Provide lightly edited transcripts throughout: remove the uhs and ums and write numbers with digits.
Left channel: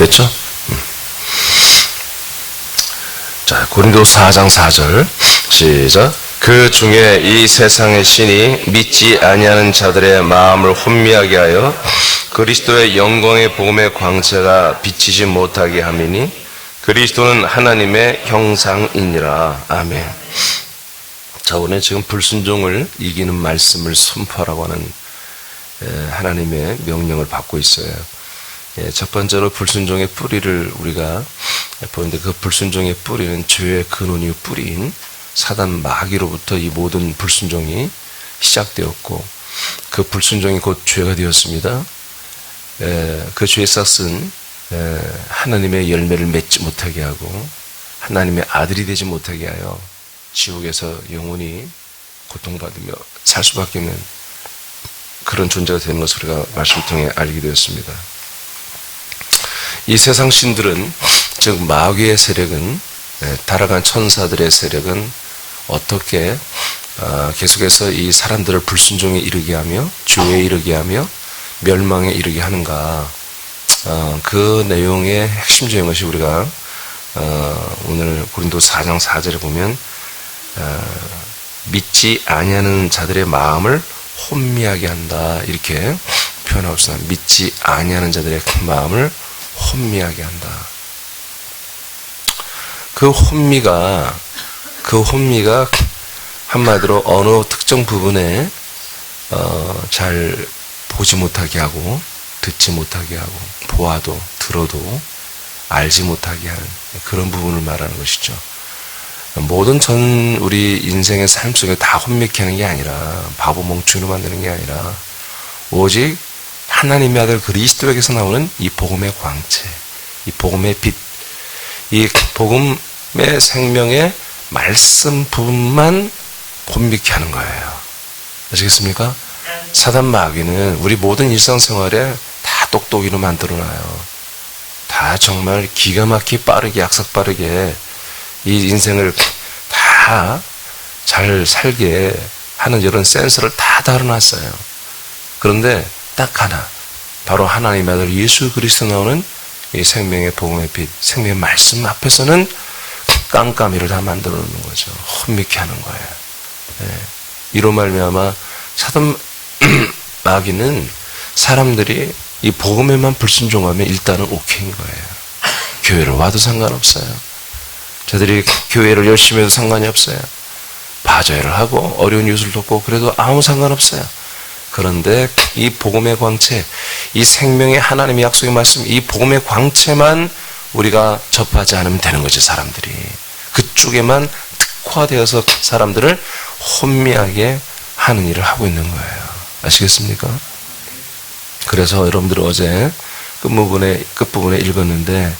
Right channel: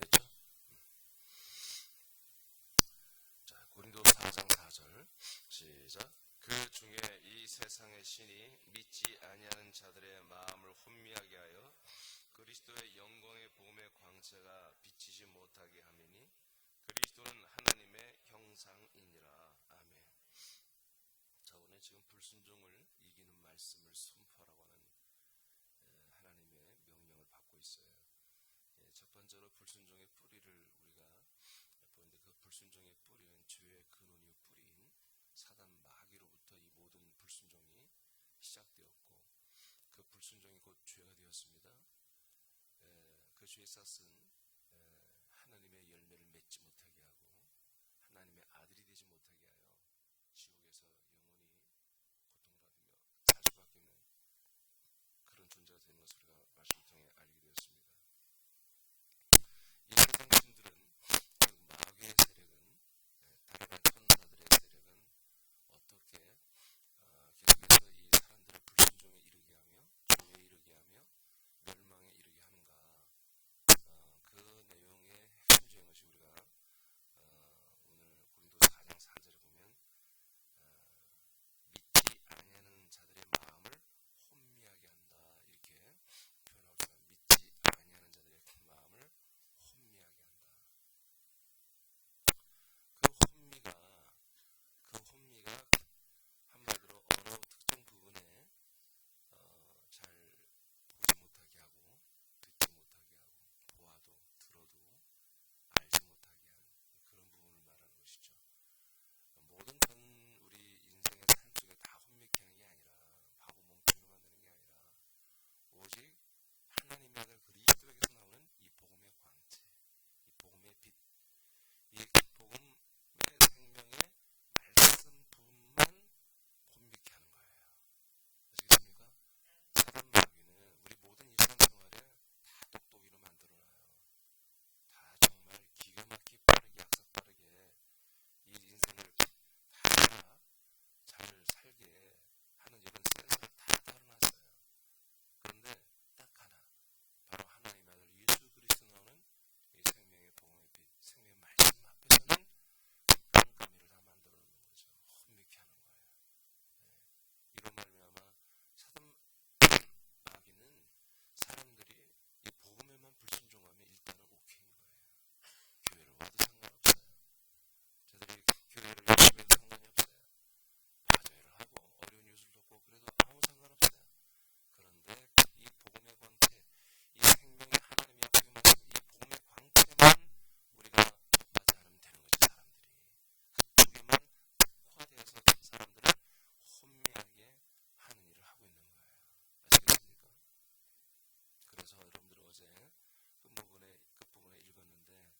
됐죠? 자, 고린도서 4장 4절 시작. 그 중에 이 세상의 신이 믿지 아니하는 자들의 마음을 혼미하게 하여 그리스도의 영광의 복음의 광채가 비치지 못하게 함이니 그리스도는 하나님의 형상이니라. 아멘. 자, 오늘 지금 불순종을 이기는 말씀을 선포하라고 하는 하나님의 명령을 받고 있어요. 첫 번째로 불순종의 뿌리를 우리가 보는데, 그 불순종의 뿌리는 죄의 근원이요 뿌리인 사단 마귀로부터 이 모든 불순종이 시작되었고, 그 불순종이 곧 죄가 되었습니다. 그 죄의 싹은 하나님의 열매를 맺지 못하게 하고 하나님의 아들이 되지 못하게 하여 지옥에서 영원히 고통받으며 살 수밖에 없는 그런 존재가 되는 것을 우리가 말씀을 통해 알게 되었습니다. 이 세상 신들은, 즉 마귀의 세력은, 타락한 천사들의 세력은 어떻게 계속해서 이 사람들을 불순종에 이르게 하며 죄에 이르게 하며 멸망에 이르게 하는가, 그 내용의 핵심적인 것이 우리가 오늘 고린도서 4장 4절에 보면 믿지 아니하는 자들의 마음을 혼미하게 한다, 이렇게 표현하고 있습니다. 믿지 아니하는 자들의 마음을 혼미하게 한다. 그 혼미가 한마디로 어느 특정 부분에 잘 보지 못하게 하고 듣지 못하게 하고 보아도 들어도 알지 못하게 하는 그런 부분을 말하는 것이죠. 모든 우리 인생의 삶 속에 다 혼미케 하는 게 아니라, 바보 멍충이로 만드는 게 아니라, 오직 하나님의 아들 그리스도에게서 나오는 이 복음의 광채, 이 복음의 빛, 이 복음의 생명의 말씀 부분만 혼미케 하는 거예요. 아시겠습니까? 사단 마귀는 우리 모든 일상생활에 다 똑똑이로 만들어놔요. 다 정말 기가 막히게 빠르게, 약삭 빠르게 이 인생을 다 잘 살게 하는 이런 센서를 다 달아놨어요. 그런데 딱 하나, 바로 하나님의 아들 예수 그리스도 나오는 이 생명의 복음의 빛, 생명의 말씀 앞에서는 깜깜이를 다 만들어 놓는 거죠. 혼미케 하는 거예요. 이로 말미암아 사단 마귀는 사람들이 이 복음에만 불순종하면 일단은 오케이인 거예요. 교회를 와도 상관없어요. 저들이 교회를 열심히 해도 상관이 없어요. 바자회를 하고 어려운 이웃을 돕고 그래도 아무 상관없어요. 그런데 이 복음의 광채, 이 생명의 하나님의 약속의 말씀, 이 복음의 광채만 우리가 접하지 않으면 되는 거죠. 사람들이 그쪽에만 특화되어서 사람들을 혼미하게 하는 일을 하고 있는 거예요. 아시겠습니까? 그래서 여러분들 어제 끝부분에 읽었는데,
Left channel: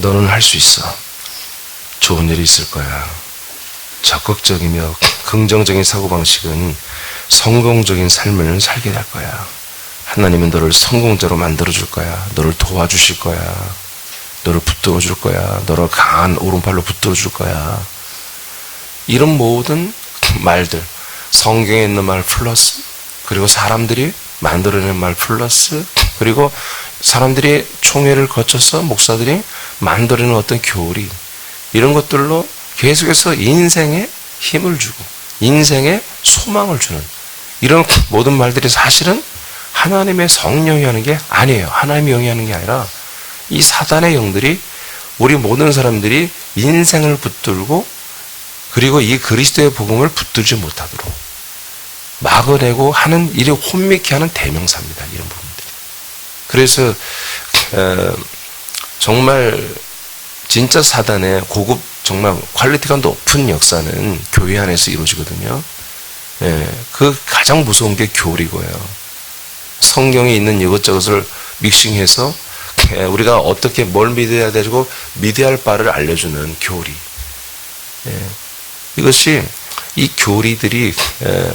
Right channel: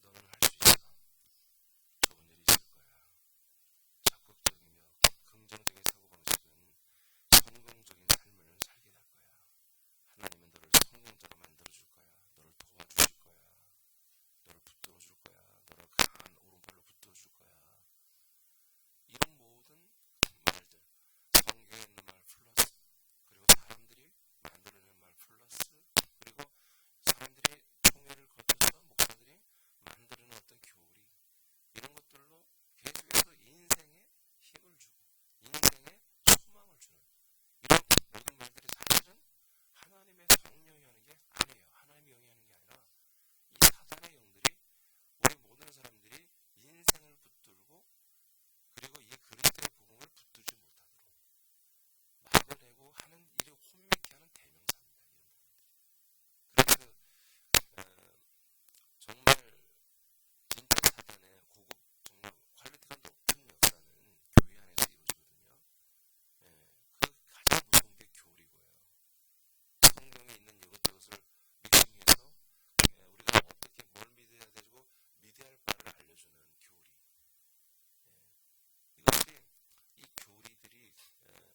너는 할 수 있어. 좋은 일이 있을 거야. 적극적이며 긍정적인 사고방식은 성공적인 삶을 살게 될 거야. 하나님은 너를 성공자로 만들어줄 거야. 너를 도와주실 거야. 너를 붙들어줄 거야. 너를 강한 오른팔로 붙들어줄 거야. 이런 모든 말들, 성경에 있는 말 플러스, 그리고 사람들이 만들어낸 말 플러스, 그리고 사람들이 총회를 거쳐서 목사들이 만들어낸 어떤 교리, 이런 것들로 계속해서 인생에 힘을 주고 인생에 소망을 주는 이런 모든 말들이 사실은 하나님의 성령이 하는 게 아니에요. 하나님의 영이 하는 게 아니라 이 사단의 영들이 우리 모든 사람들이 인생을 붙들고 그리고 이 그리스도의 복음을 붙들지 못하도록 막아내고 하는 일이 혼미케 하는 대명사입니다. 이런 부분들이. 그래서 정말 진짜 사단의 고급 정말 퀄리티가 높은 역사는 교회 안에서 이루어지거든요. 그 가장 무서운 게 교리고요. 성경에 있는 이것저것을 믹싱해서 우리가 어떻게 뭘 믿어야 되고 믿어야 할 바를 알려주는 교리. 이것이 이 교리들이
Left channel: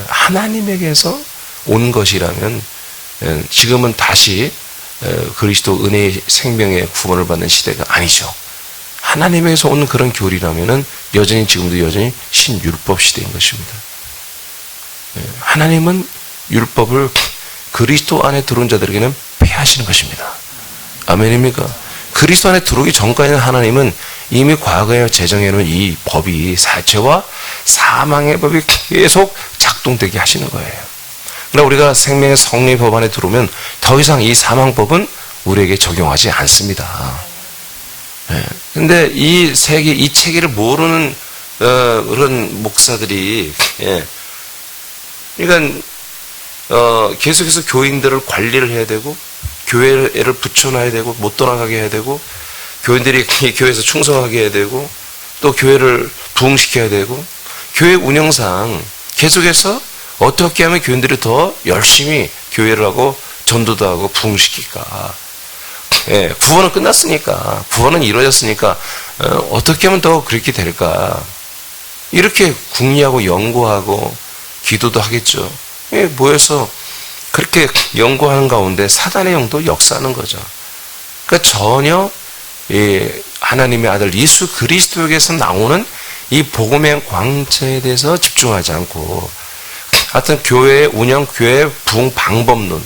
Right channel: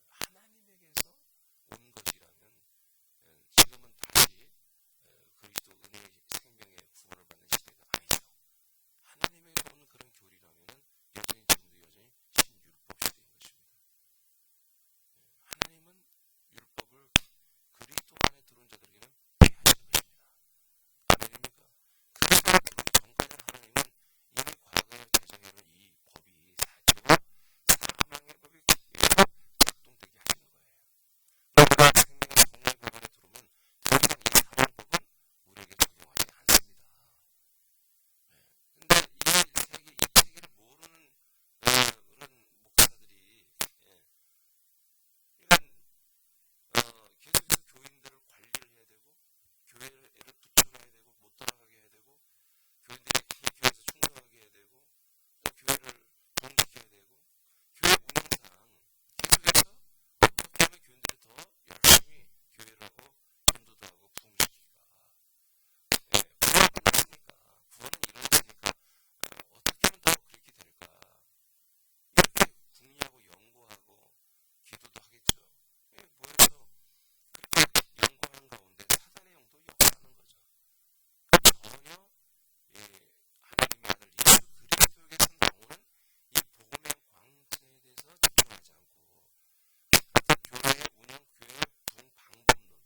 하나님에게서 온 것이라면 지금은 다시 그리스도 은혜의 생명의 구원을 받는 시대가 아니죠. 하나님에게서 온 그런 교리라면은 여전히 지금도 여전히 신율법 시대인 것입니다. 하나님은 율법을 그리스도 안에 들어온 자들에게는 폐하시는 것입니다. 아멘입니까? 그리스도 안에 들어오기 전까지는 하나님은 이미 과거에 제정해놓은 이 법이 죄와 사망의 법이 계속 작동되게 하시는 거예요. 그러나 우리가 생명의 성령의 법 안에 들어오면 더 이상 이 사망법은 우리에게 적용하지 않습니다. 근데 이 세계, 이 체계를 모르는 그런 목사들이 그러니까 계속해서 교인들을 관리를 해야 되고 교회를 붙여놔야 되고 못 떠나가게 해야 되고 교인들이 교회에서 충성하게 해야 되고 또 교회를 부흥시켜야 되고 교회 운영상 계속해서 어떻게 하면 교인들이 더 열심히 교회를 하고 전도도 하고 부흥시킬까. 구원은 끝났으니까 구원은 이루어졌으니까 어떻게 하면 더 그렇게 될까. 이렇게 궁리하고 연구하고 기도도 하겠죠. 모여서 그렇게 연구하는 가운데 사단의 영도 역사하는 거죠. 그러니까 전혀 하나님의 아들 예수 그리스도에게서 나오는 이 복음의 광채에 대해서 집중하지 않고 하여튼 교회의 운영, 교회의 부흥 방법론,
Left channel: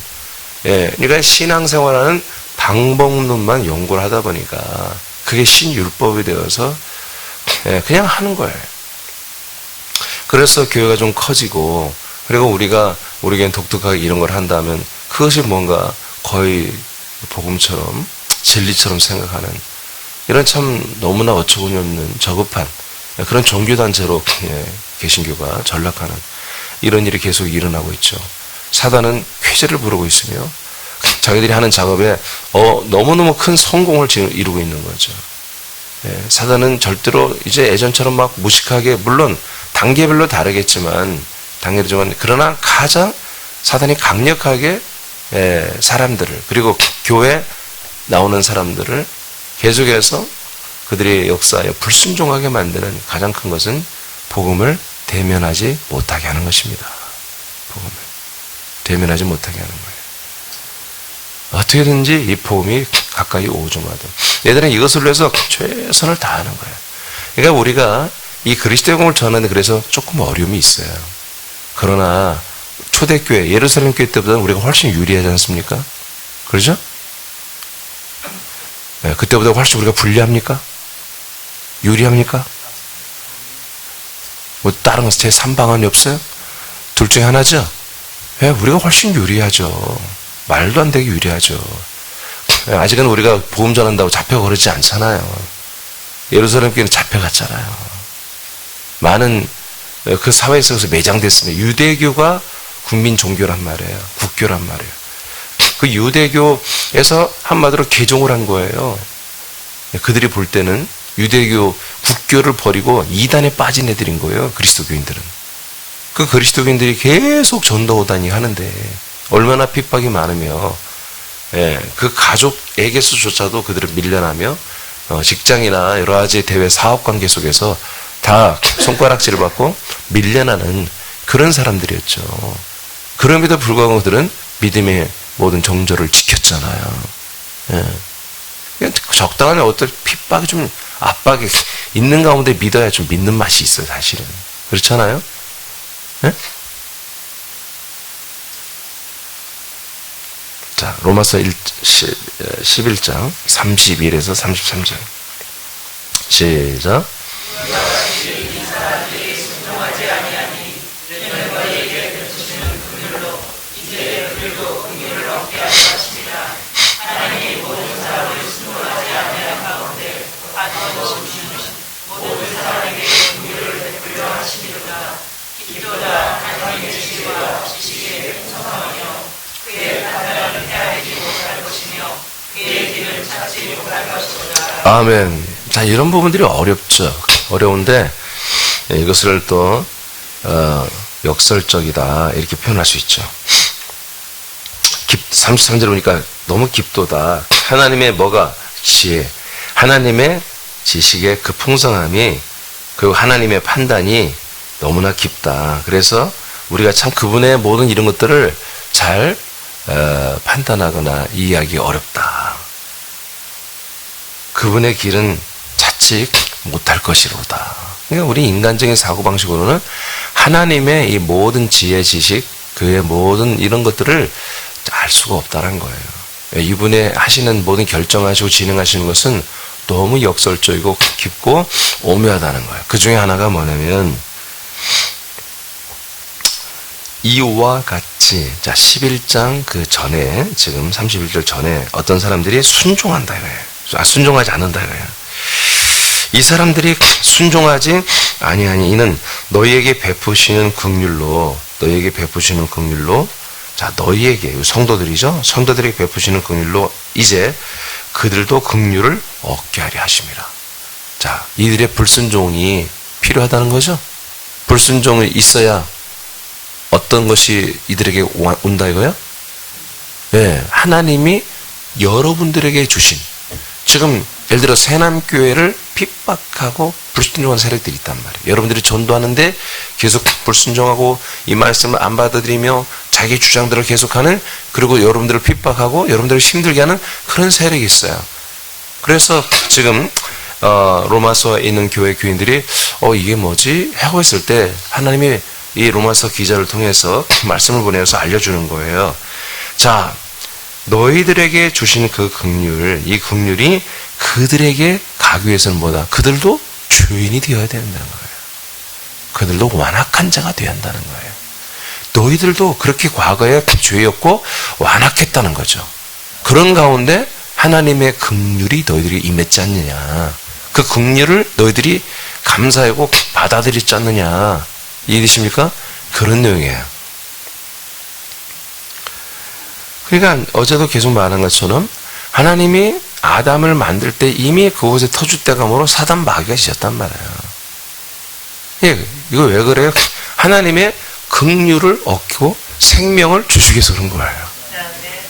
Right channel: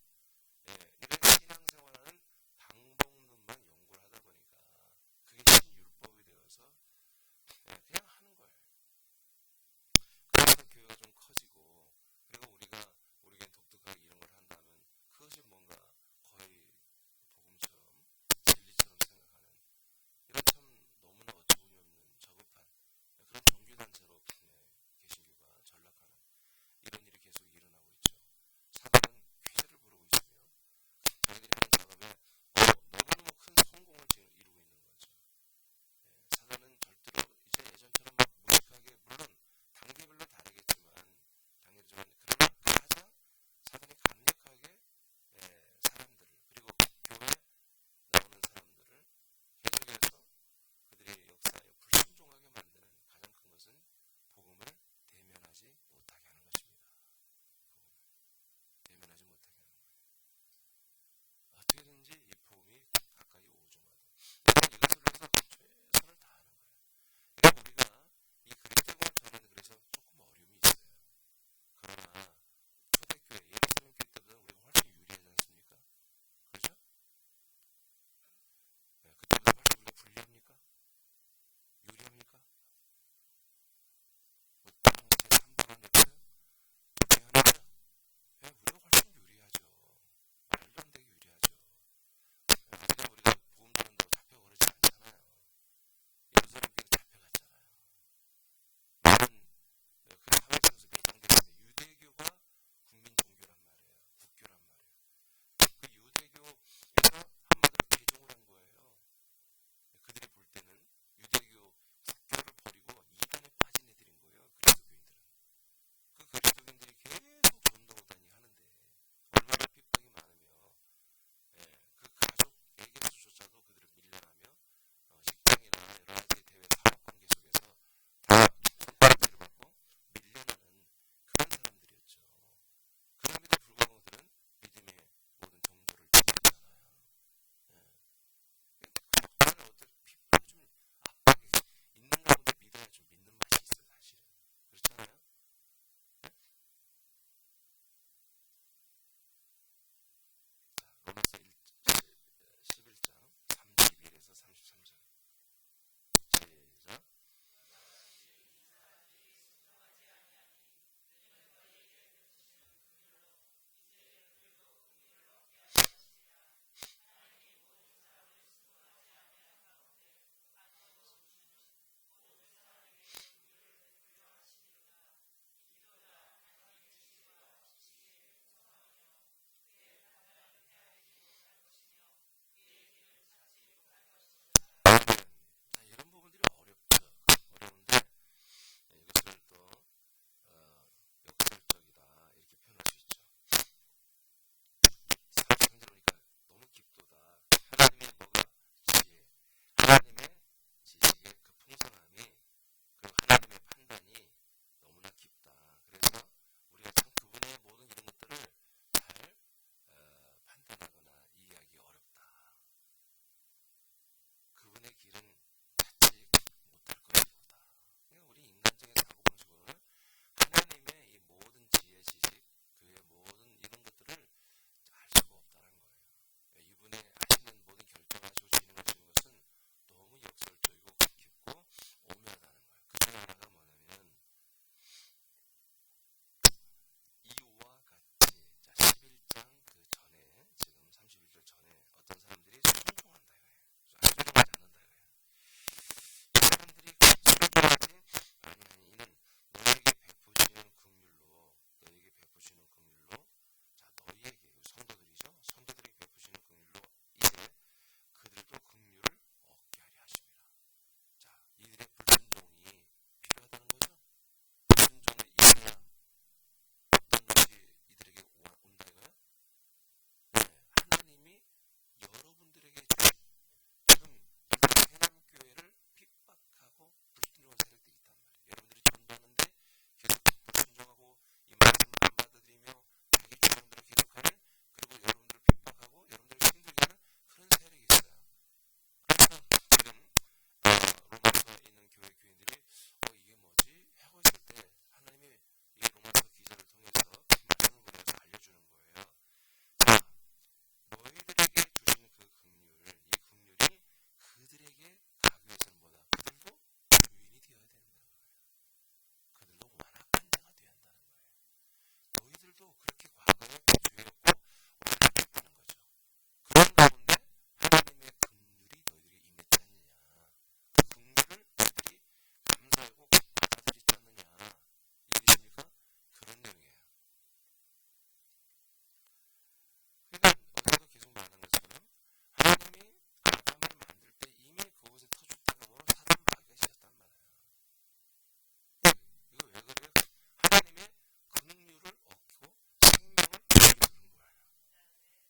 그러니까 신앙생활하는 방법론만 연구를 하다 보니까 그게 신율법이 되어서 그냥 하는 거예요. 그래서 교회가 좀 커지고 그리고 우리에겐 독특하게 이런 걸 한다면 그것이 뭔가 거의 복음처럼 진리처럼 생각하는 이런 참 너무나 어처구니 없는 저급한 그런 종교단체로 개신교가 전락하는 이런 일이 계속 일어나고 있죠. 사단은 쾌재를 부르고 있으며 자기들이 하는 작업에 너무너무 큰 성공을 지금 이루고 있는 거죠. 사단은 절대로 이제 예전처럼 막 무식하게 물론 단계별로 다르겠지만 그러나 가장 사단이 강력하게 사람들을 그리고 교회 나오는 사람들을 계속해서 그들의 역사에 불순종하게 만드는 가장 큰 것은 복음을 대면하지 못하게 하는 것입니다. 복음을 대면하지 못하게 하는 거예요. 어떻게든지 이 복음이 가까이 오조마도 얘들은 이것을 위해서 최선을 다하는 거예요. 그러니까 우리가 이 그리스도의 복음을 전하는데 그래서 조금 어려움이 있어요. 그러나 초대교회 예루살렘 교회 때보다는 우리가 훨씬 유리하지 않습니까? 그렇죠? 그때보다 훨씬 우리가 불리합니까? 유리합니까? 뭐 다른 제 3방안이 없어요? 둘 중에 하나죠? 우리가 훨씬 유리하죠. 말도 안 되게 유리하죠. 아직은 우리가 복음 전한다고 잡혀 그러지 않잖아요. 예루살렘 교회는 잡혀갔잖아요. 많은 그 사회 속에서 매장됐습니다. 유대교가 국민 종교란 말이에요. 국교란 말이에요. 그 유대교에서 한마디로 개종을 한 거예요. 그들이 볼 때는 유대교 국교를 버리고 이단에 빠진 애들인 거예요. 그리스도교인들은. 그 그리스도교인들이 계속 전도오다니 하는데 얼마나 핍박이 많으며 그 가족에게서조차도 그들을 밀려나며 직장이나 여러 가지 대외 사업관계 속에서 다 손가락질을 받고 밀려나는 그런 사람들이었죠. 그럼에도 불구하고 그들은 믿음의 모든 정절을 지켰잖아요. 적당한 어떤 핍박이 좀 압박이 있는 가운데 믿어야 좀 믿는 맛이 있어요. 사실은. 그렇잖아요. 자, 로마서 11장 31에서 33절 시작. 아멘. 자, 이런 부분들이 어렵죠. 어려운데 이것을 또 역설적이다 이렇게 표현할 수 있죠. 33절 보니까 너무 깊도다. 하나님의 뭐가 지혜, 하나님의 지식의 그 풍성함이 그리고 하나님의 판단이 너무나 깊다. 그래서 우리가 참 그분의 모든 이런 것들을 잘 판단하거나 이해하기 어렵다. 그분의 길은 자칫 못할 것이로다. 그러니까 우리 인간적인 사고방식으로는 하나님의 이 모든 지혜, 지식, 그의 모든 이런 것들을 알 수가 없다는 거예요. 이분의 하시는 모든 결정하시고 진행하시는 것은 너무 역설적이고 깊고 오묘하다는 거예요. 그 중에 하나가 뭐냐면 이와 같이 자 11장 그 전에 지금 31절 전에 어떤 사람들이 순종한다 이거예요. 순종하지 않는다 이거예요. 이 사람들이 순종하지 아니하니 이는 너희에게 베푸시는 긍휼로 자 너희에게 성도들이죠. 성도들에게 베푸시는 긍휼로 이제 그들도 긍휼을 얻게 하려 하심이라. 자 이들의 불순종이 필요하다는 거죠. 불순종이 있어야 어떤 것이 이들에게 온다 이거요? 네, 하나님이 여러분들에게 주신 지금 예를 들어 새남교회를 핍박하고 불순종한 세력들이 있단 말이에요. 여러분들이 전도하는데 계속 불순종하고 이 말씀을 안 받아들이며 자기 주장들을 계속하는 그리고 여러분들을 핍박하고 여러분들을 힘들게 하는 그런 세력이 있어요. 그래서 지금 로마서에 있는 교회 교인들이 이게 뭐지? 하고 있을 때 하나님이 이 로마서 기자를 통해서 말씀을 보내서 알려주는 거예요. 자, 너희들에게 주신 그 긍휼, 이 긍휼이 그들에게 가기 위해서는 뭐다? 그들도 죄인이 되어야 된다는 거예요. 그들도 완악한 자가 되어야 한다는 거예요. 너희들도 그렇게 과거에 죄였고 완악했다는 거죠. 그런 가운데 하나님의 긍휼이 너희들이 임했지 않느냐. 그 긍휼을 너희들이 감사하고 받아들였지 않느냐. 이해되십니까? 그런 내용이에요. 그러니까 어제도 계속 말한 것처럼 하나님이 아담을 만들 때 이미 그곳에 터줏대감으로 사단 마귀가 지었단 말이에요. 예, 이거 왜 그래요? 하나님의 긍휼을 얻고 생명을 주시기 위해서 그런 거예요.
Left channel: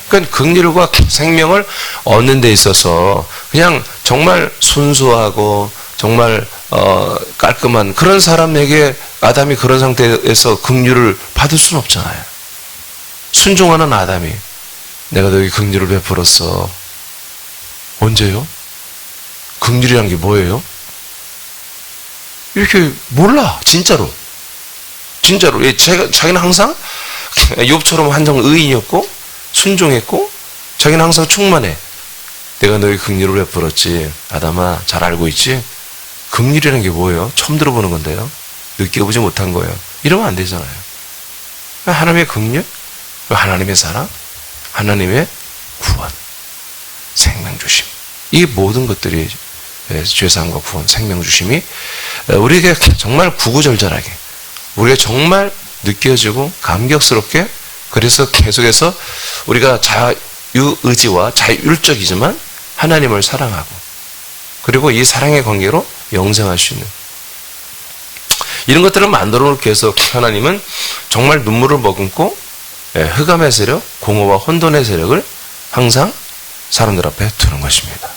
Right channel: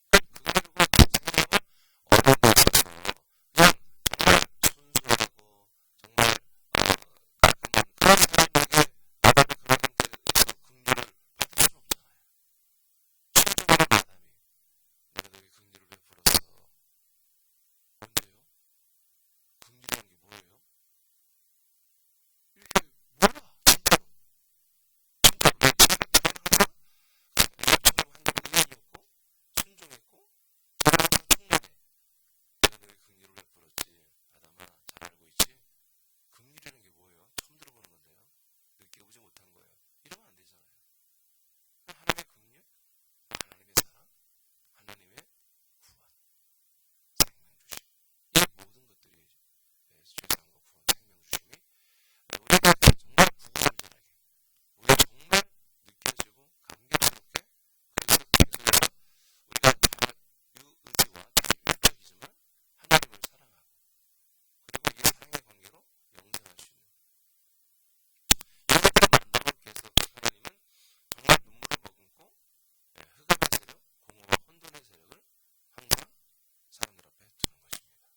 그러니까 긍휼과 생명을 얻는 데 있어서 그냥 정말 순수하고 정말 깔끔한 그런 사람에게 아담이 그런 상태에서 긍휼을 받을 수는 없잖아요. 순종하는 아담이 내가 너에게 긍휼을 베풀었어. 언제요? 긍휼이란 게 뭐예요? 이렇게 몰라. 진짜로. 자기는 항상 욥처럼 한정 의인이었고 순종했고 자기는 항상 충만해. 내가 너에게 긍휼을 베풀었지. 아담아 잘 알고 있지? 긍휼이라는 게 뭐예요? 처음 들어보는 건데요. 느껴보지 못한 거예요. 이러면 안 되잖아요. 하나님의 긍휼, 하나님의 사랑, 하나님의 구원, 생명 주심. 이 모든 것들이 죄사함과 구원, 생명 주심이 우리에게 정말 구구절절하게 우리가 정말 느껴지고 감격스럽게 그래서 계속해서 우리가 자유의지와 자율적이지만 하나님을 사랑하고 그리고 이 사랑의 관계로 영생할 수 있는 이런 것들을 만들어 놓기 위해서 하나님은 정말 눈물을 머금고 흑암의 세력, 공허와 혼돈의 세력을 항상 사람들 앞에 두는 것입니다.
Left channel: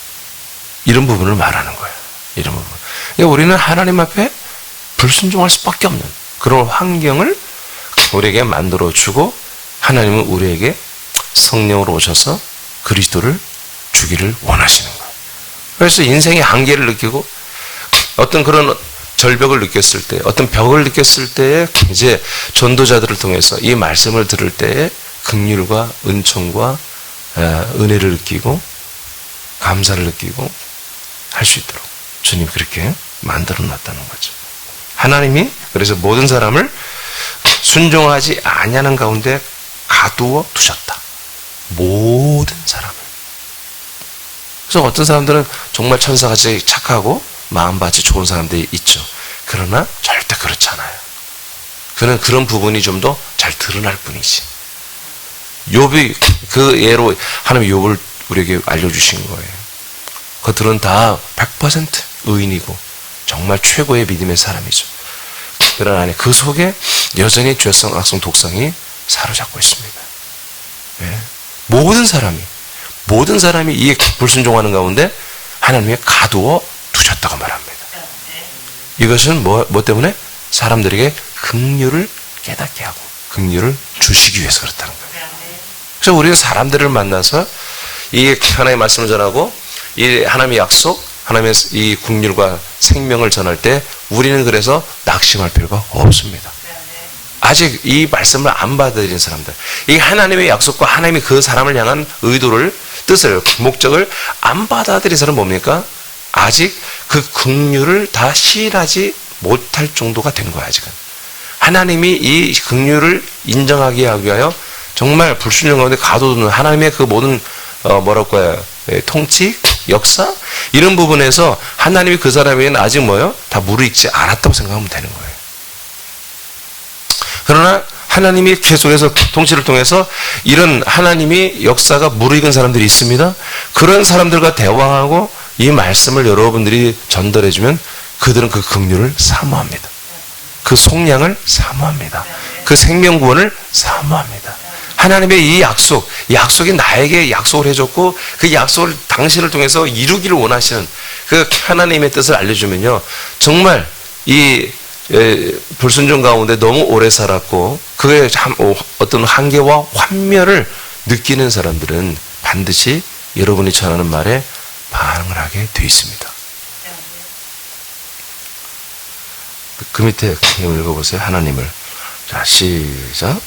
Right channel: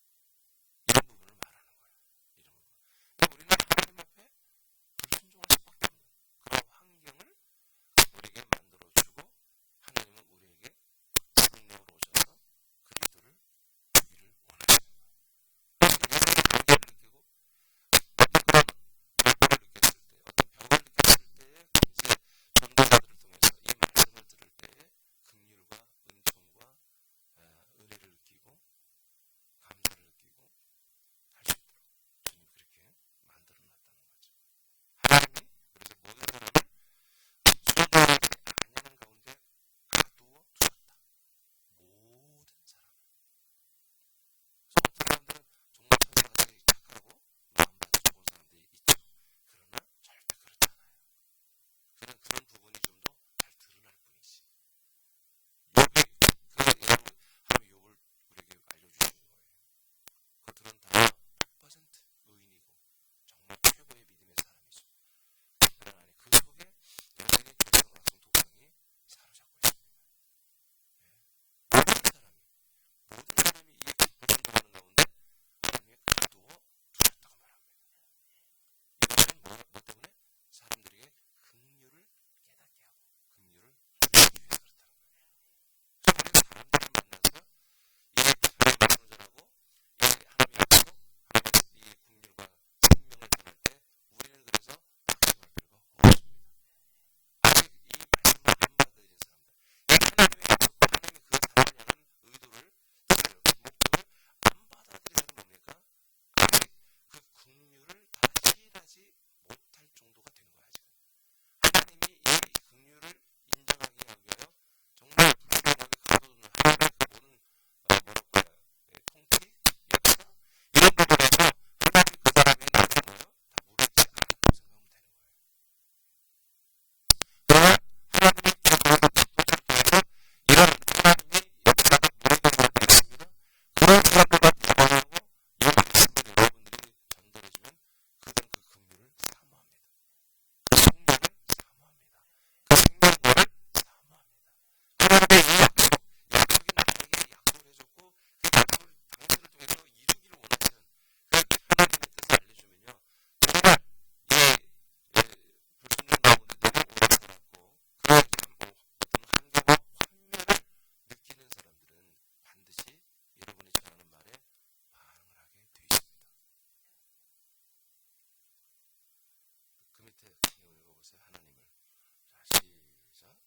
이런 부분을 말하는 거예요. 이런 부분. 그러니까 우리는 하나님 앞에 불순종할 수밖에 없는 그런 환경을 우리에게 만들어주고 하나님은 우리에게 성령으로 오셔서 그리스도를 주기를 원하시는 거예요. 그래서 인생의 한계를 느끼고 어떤 그런 절벽을 느꼈을 때, 어떤 벽을 느꼈을 때에 이제 전도자들을 통해서 이 말씀을 들을 때에 긍휼과 은총과 은혜를 느끼고 감사를 느끼고 할 수 있도록 주님 그렇게 만들어 놨다는 거죠. 하나님이 그래서 모든 사람을 순종하지 아니하는 가운데 가두어 두셨다. 모든 사람을. 그래서 어떤 사람들은 정말 천사같이 착하고 마음밭이 좋은 사람들이 있죠. 그러나 절대 그렇지 않아요. 그는 그런 부분이 좀 더 잘 드러날 뿐이지. 욥이 그 예로 하나님이 욥을 우리에게 알려주신 거예요. 그들은 다 100% 의인이고 정말 최고의 믿음의 사람이죠. 그러나 그 속에 여전히 죄성, 악성, 독성이 사로잡고 있습니다. 네. 모든 사람이 이 불순종하는 가운데 하나님이 가두어 두셨다고 말합니다. 이것은 뭐 때문에? 사람들에게 긍휼을 깨닫게 하고 긍휼을 주시기 위해서 그렇다는 거예요. 그래서 우리는 사람들을 만나서 이 하나님의 말씀을 전하고 이 하나님의 약속, 하나님의 이 긍휼과 생명을 전할 때 우리는 그래서 낙심할 필요가 없습니다. 아직 이 말씀을 안 받아들인 사람들, 이 하나님의 약속과 하나님이 그 사람을 향한 의도를 뜻을, 목적을 안 받아들인 사람은 뭡니까? 아직 그 긍휼을 다 시인하지 못할 정도가 된 거야, 아직은. 하나님이 이 긍휼을 인정하게 하기 위하여 정말 불순종 가운데 가둬두는 하나님의 그 모든 뭐랄까요? 통치, 역사 이런 부분에서 하나님이 그 사람에게는 아직 뭐요? 다 무르익지 않았다고 생각하면 되는 거예요. 그러나 하나님이 계속해서 통치를 통해서 이런 하나님이 역사가 무르익은 사람들이 있습니다. 그런 사람들과 대화하고 이 말씀을 여러분들이 전달해주면 그들은 그 긍휼을 사모합니다. 그 속량을 사모합니다. 그 생명구원을 사모합니다. 하나님의 이 약속이 나에게 약속을 해줬고 그 약속을 당신을 통해서 이루기를 원하시는 그 하나님의 뜻을 알려주면요. 정말 이 불순종 가운데 너무 오래 살았고 그의 어떤 한계와 환멸을 느끼는 사람들은 반드시 여러분이 전하는 말에 반응을 하게 되어 있습니다. 그 밑에 읽어보세요. 하나님을. 자, 시작.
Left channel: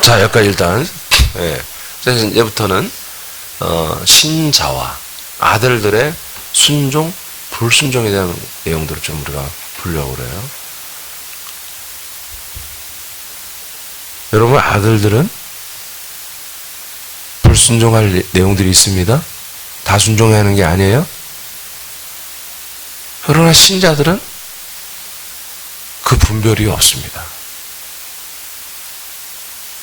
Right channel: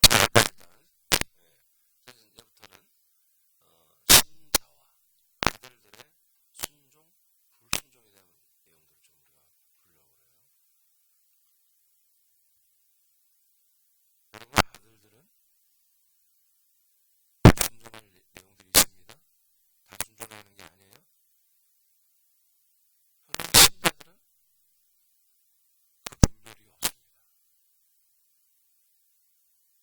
자, 여기까지 일단, 이제부터는, 신자와 아들들의 순종, 불순종에 대한 내용들을 좀 우리가 보려고 그래요. 여러분, 아들들은 불순종할 내용들이 있습니다. 다 순종해야 하는 게 아니에요. 그러나 신자들은 그 분별이 없습니다.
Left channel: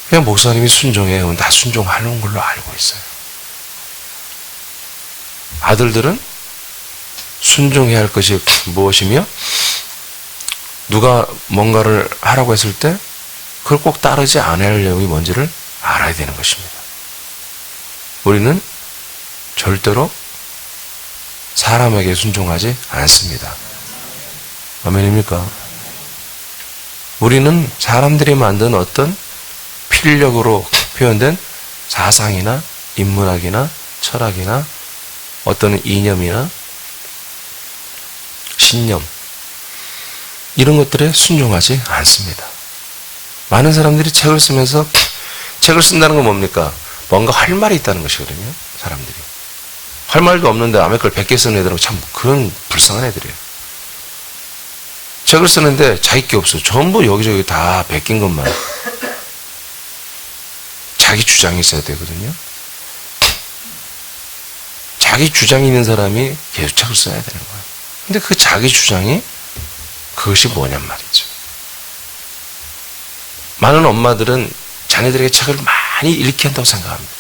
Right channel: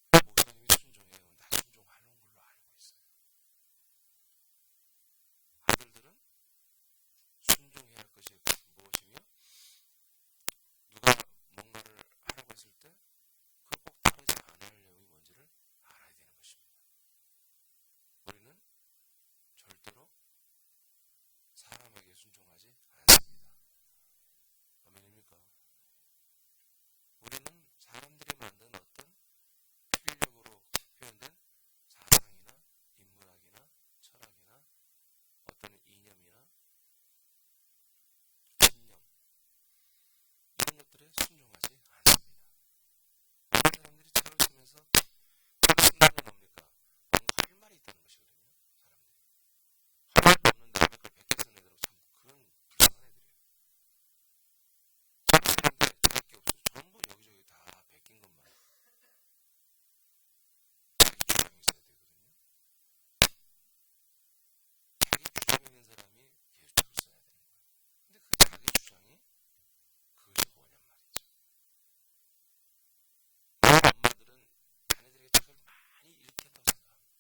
그냥 목사님이 순종해요. 다 순종하는 걸로 알고 있어요. 아들들은 순종해야 할 것이 무엇이며 누가 뭔가를 하라고 했을 때 그걸 꼭 따르지 않아야 할 내용이 뭔지를 알아야 되는 것입니다. 우리는 절대로 사람에게 순종하지 않습니다. 아멘입니까? 우리는 사람들이 만든 어떤 필력으로 표현된 사상이나 인문학이나 철학이나 어떤 이념이나 신념 이런 것들에 순종하지 않습니다. 많은 사람들이 책을 쓰면서 책을 쓴다는 건 뭡니까? 뭔가 할 말이 있다는 것이거든요. 사람들이. 할 말도 없는데 남의 걸 100개 쓰는 애들은 참 그런 불쌍한 애들이에요. 책을 쓰는데 자기 게 없어요. 전부 여기저기 다 베낀 것만. 자기 주장이 있어야 되거든요. 자기 주장이 있는 사람이 계속 책을 써야 되는 거예요. 근데 그 자기 주장이 그것이 뭐냔 말이죠. 많은 엄마들은 자녀들에게 책을 많이 읽게 한다고 생각합니다.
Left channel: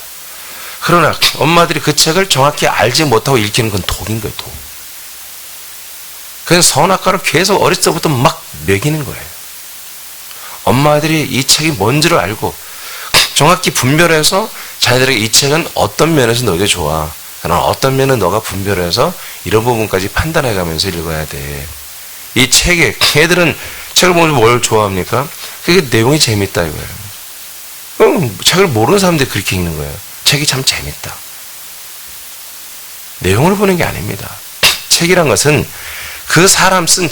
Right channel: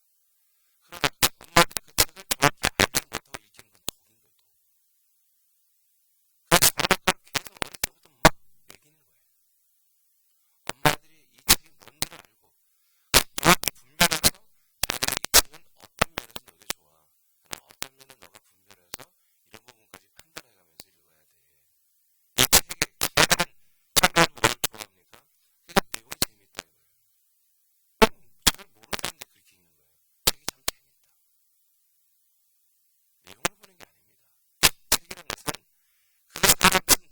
그러나 엄마들이 그 책을 정확히 알지 못하고 읽히는 건 독인 거예요, 독. 그냥 선악과를 계속 어렸을 때부터 막 먹이는 거예요. 엄마들이 이 책이 뭔지를 알고 정확히 분별해서 자녀들에게 이 책은 어떤 면에서 너에게 좋아. 그러나 어떤 면은 너가 분별해서 이런 부분까지 판단해가면서 읽어야 돼. 이 책에, 애들은 책을 보면서 뭘 좋아합니까? 그게 내용이 재밌다 이거예요. 책을 모르는 사람들이 그렇게 읽는 거예요. 책이 참 재밌다. 내용을 보는 게 아닙니다. 책이란 것은 그 사람 쓴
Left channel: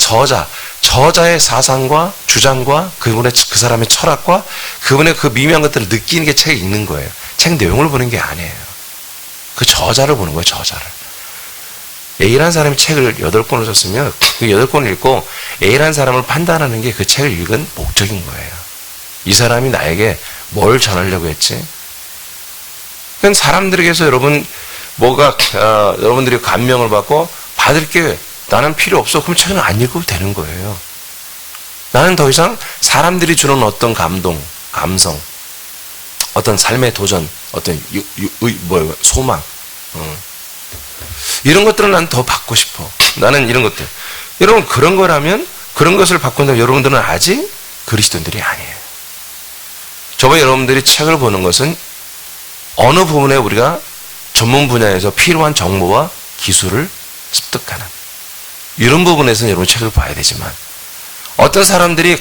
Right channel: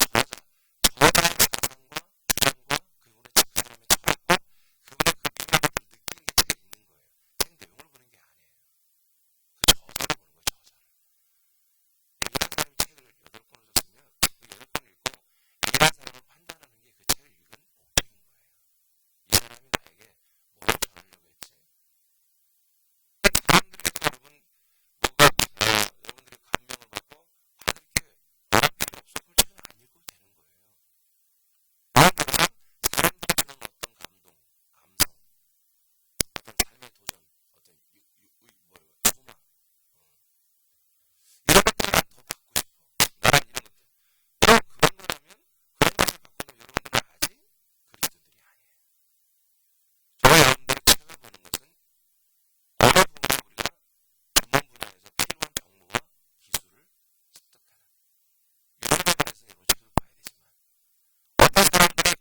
저자의 사상과 주장과 그 사람의 철학과 그분의 그 미묘한 것들을 느끼는 게 책에 있는 거예요. 책 내용을 보는 게 아니에요. 그 저자를 보는 거예요, 저자를. A라는 사람이 책을 8권을 썼으면 그 8권을 읽고 A라는 사람을 판단하는 게 그 책을 읽은 목적인 거예요. 이 사람이 나에게 뭘 전하려고 했지? 그건 사람들에게서 여러분들이 감명을 받고 받을 게 나는 필요 없어. 그럼 책은 안 읽어도 되는 거예요. 나는 더 이상 사람들이 주는 어떤 감동, 감성, 어떤 삶의 도전, 어떤 소망, 이런 것들은 난 더 받고 싶어. 나는 이런 것들. 여러분, 그런 거라면, 그런 것을 받고는 여러분들은 아직 그리스도인들이 아니에요. 저번에 여러분들이 책을 보는 것은 어느 부분에 우리가 전문 분야에서 필요한 정보와 기술을 습득하는 이런 부분에서는 여러분 책을 봐야 되지만 어떤 사람들이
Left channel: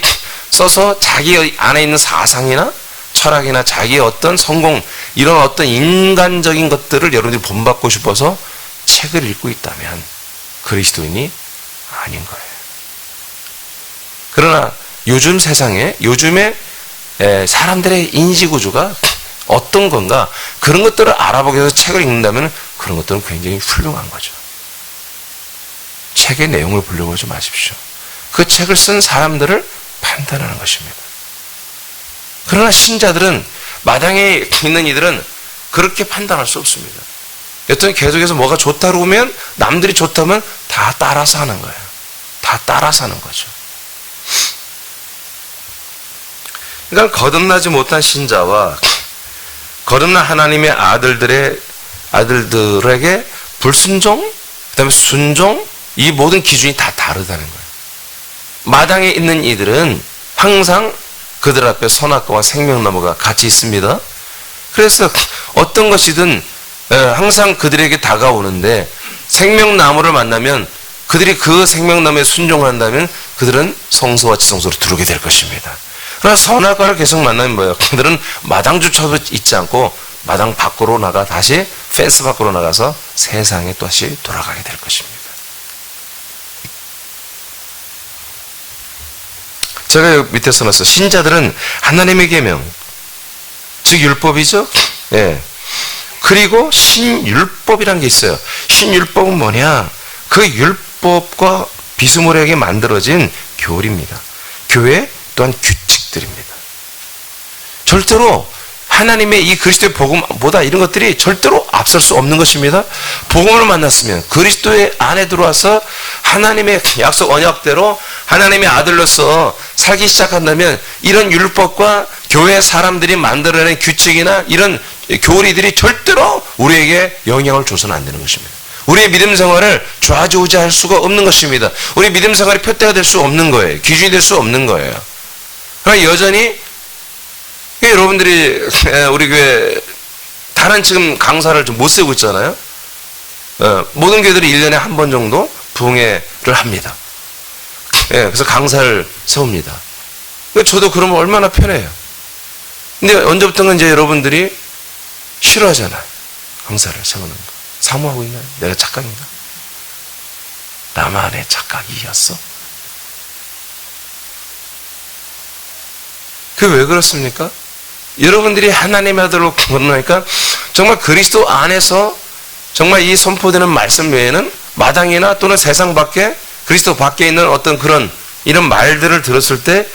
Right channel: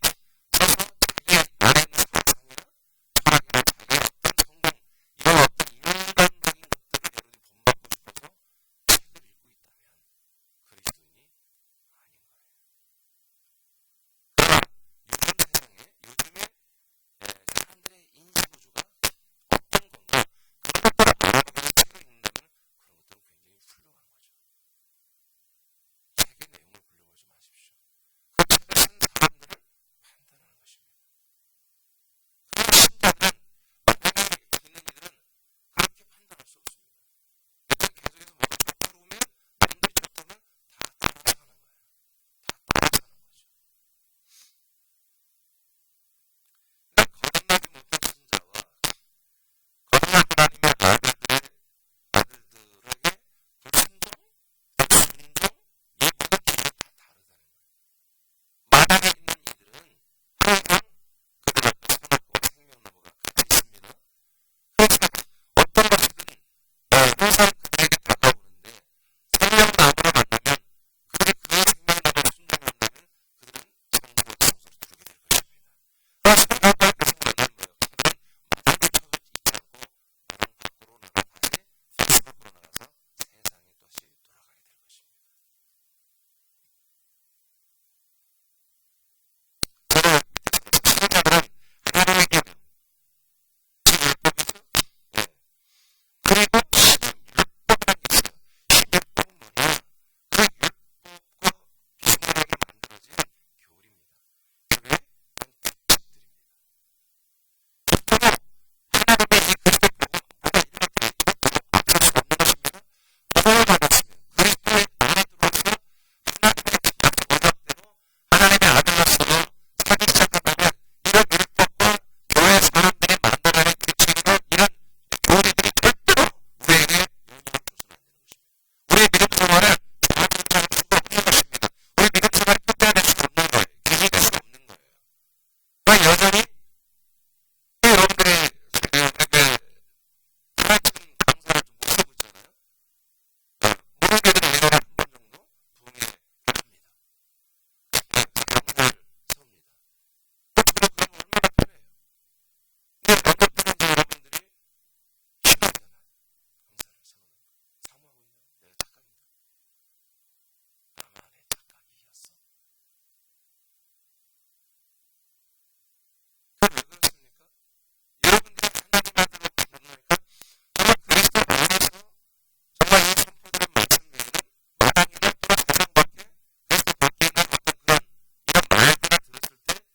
써서 자기 안에 있는 사상이나 철학이나 자기의 어떤 성공 이런 어떤 인간적인 것들을 여러분들이 본받고 싶어서 책을 읽고 있다면 그리스도인이 아닌 거예요. 그러나 요즘 세상에 요즘에 사람들의 인지구조가 어떤 건가 그런 것들을 알아보기 위해서 책을 읽는다면 그런 것들은 굉장히 훌륭한 거죠. 책의 내용을 보려고 하지 마십시오. 그 책을 쓴 사람들을 판단하는 것입니다. 그러나 신자들은 마당에 있는 이들은 그렇게 판단할 수 없습니다. 여튼 계속해서 뭐가 좋다고 하면 남들이 좋다면 다 따라서 하는 거예요. 다 따라서 하는 거죠. 그러니까 거듭나지 못한 신자와 거듭난 하나님의 아들들에게 불순종, 그 다음에 순종, 이 모든 기준이 다 다르다는 거예요. 마당에 있는 이들은 항상 그들 앞에 선악과와 생명나무가 같이 있습니다. 그래서 어떤 것이든 항상 그들에게 다가오는데 생명나무를 만나면 그들이 그 생명나무에 순종한다면 그들은 성소와 지성소로 들어오게 될 것입니다. 그러나 선악과를 계속 만나면 뭐예요? 그들은 마당조차도 있지 않고 마당 밖으로 나가 다시 펜스 밖으로 나가서 세상에 다시 돌아가게 될 것입니다. 제가 여기 밑에 써놨어요. 신자들은 하나님의 계명, 즉 율법이죠. 예. 그리고 신율법이라는 게 있어요. 신율법은 뭐냐? 그 율법과 비스무리하게 만들어진 교리입니다. 교회 또한 규칙들입니다. 절대로 하나님의 이 그리스도의 복음보다 이런 것들이 절대로 앞설 수 없는 것입니다. 복음을 만났으면 그리스도의 안에 들어와서 하나님의 약속 언약대로 하나님의 아들로서 살기 시작한다면 이런 율법과 교회 사람들이 만들어낸 규칙이나 이런 교리들이 절대로 우리에게 영향을 줘서는 안 되는 것입니다. 우리의 믿음 생활을 좌지우지할 수가 없는 것입니다. 우리 믿음 생활이 표대가 될 수 없는 거예요. 기준이 될 수 없는 거예요. 그러나 여전히 여러분들이 우리 교회 다른 지금 강사를 좀 못 세우고 있잖아요. 모든 교회들이 1년에 한 번 정도 부흥회를 합니다. 그래서 강사를 세웁니다. 저도 그러면 얼마나 편해요. 근데 언제부턴가 이제 여러분들이 싫어하잖아요. 강사를 세우는 거. 사모하고 있나요? 내가 착각인가? 나만의 착각이었어? 그게 왜 그렇습니까? 여러분들이 하나님의 아들로 거듭나니까 정말 그리스도 안에서 정말 이 선포되는 말씀 외에는 마당이나 또는 세상 밖에 그리스도 밖에 있는 어떤 그런 이런 말들을 들었을 때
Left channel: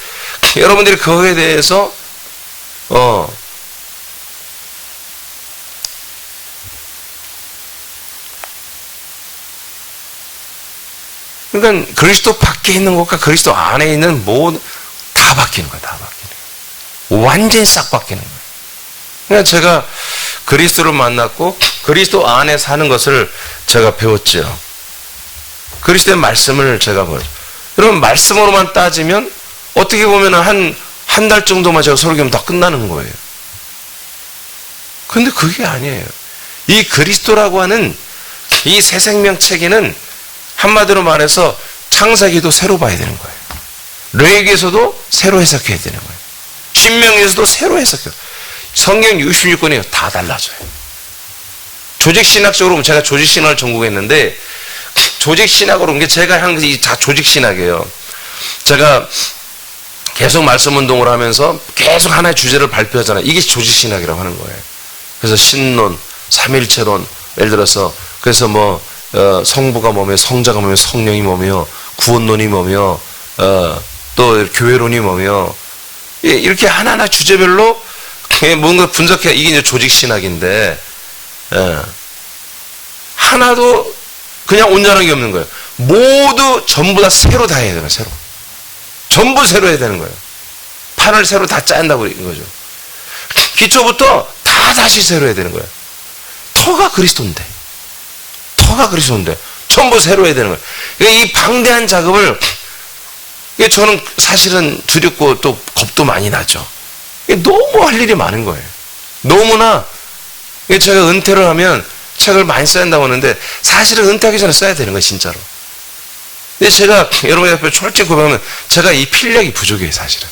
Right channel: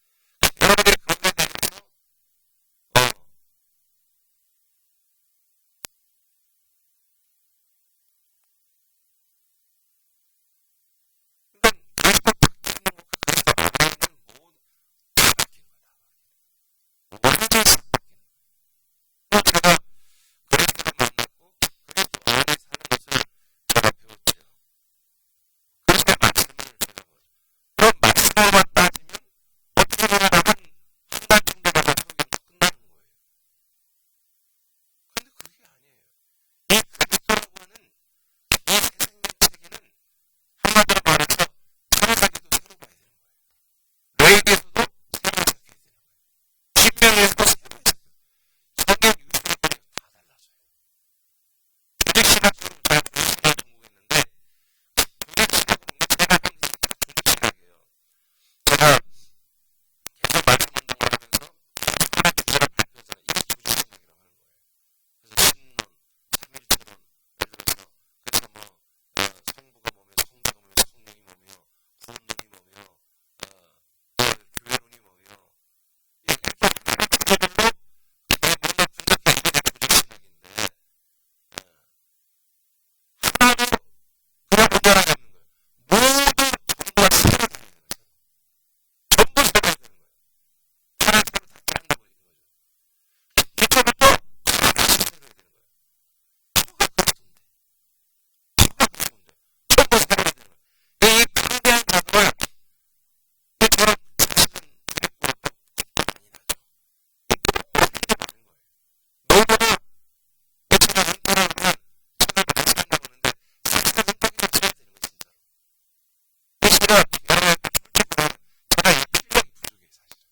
여러분들이 그거에 대해서 그러니까 그리스도 밖에 있는 것과 그리스도 안에 있는 모든 다 바뀌는 거야. 다 바뀌는 거야. 완전히 싹 바뀌는 거야. 그러니까 제가 그리스도를 만났고 그리스도 안에 사는 것을 제가 배웠죠. 그리스도의 말씀을 제가 보죠. 여러분 말씀으로만 따지면 어떻게 보면 한 달 정도만 제가 설교하면 다 끝나는 거예요. 근데 그게 아니에요. 이 그리스도라고 하는 이 새 생명체계는 한마디로 말해서 창세기도 새로 봐야 되는 거예요. 레위기에서도 새로 해석해야 되는 거예요. 신명기에서도 새로 해석해요. 성경 66권이 다 달라져요. 조직신학적으로 보면 제가 조직신학을 전공했는데 조직신학으로 온 게 제가 한 게 다 조직신학이에요. 제가 계속 말씀운동을 하면서 계속 하나의 주제를 발표하잖아요. 이게 조직신학이라고 하는 거예요. 그래서 신론, 삼일체론, 예를 들어서 그래서 뭐 성부가 뭐며 성자가 뭐며 성령이 뭐며 구원론이 뭐며 또 교회론이 뭐며 이렇게 하나하나 주제별로 뭔가 분석해. 이게 이제 조직신학인데 하나도 그냥 온전한 게 없는 거예요. 모두 전부 다 새로 다 해야 되는 거예요. 새로. 전부 새로 해야 되는 거예요. 판을 새로 다 짠다고 이거죠. 기초부터 다 다시 새로 해야 되는 거예요. 터가 그리스도인데 전부 새로 해야 되는 거예요. 이 방대한 작업을 저는 사실은 두렵고 또 겁도 많이 나죠. 너무 할 일이 많은 거예요. 너무나 제가 은퇴를 하면 책을 많이 써야 한다고 하는데 사실은 은퇴하기 전에 써야 되는 거예요, 진짜로. 근데 제가 여러분 옆에 솔직히 고백하면 제가 이 필력이 부족해요, 사실은.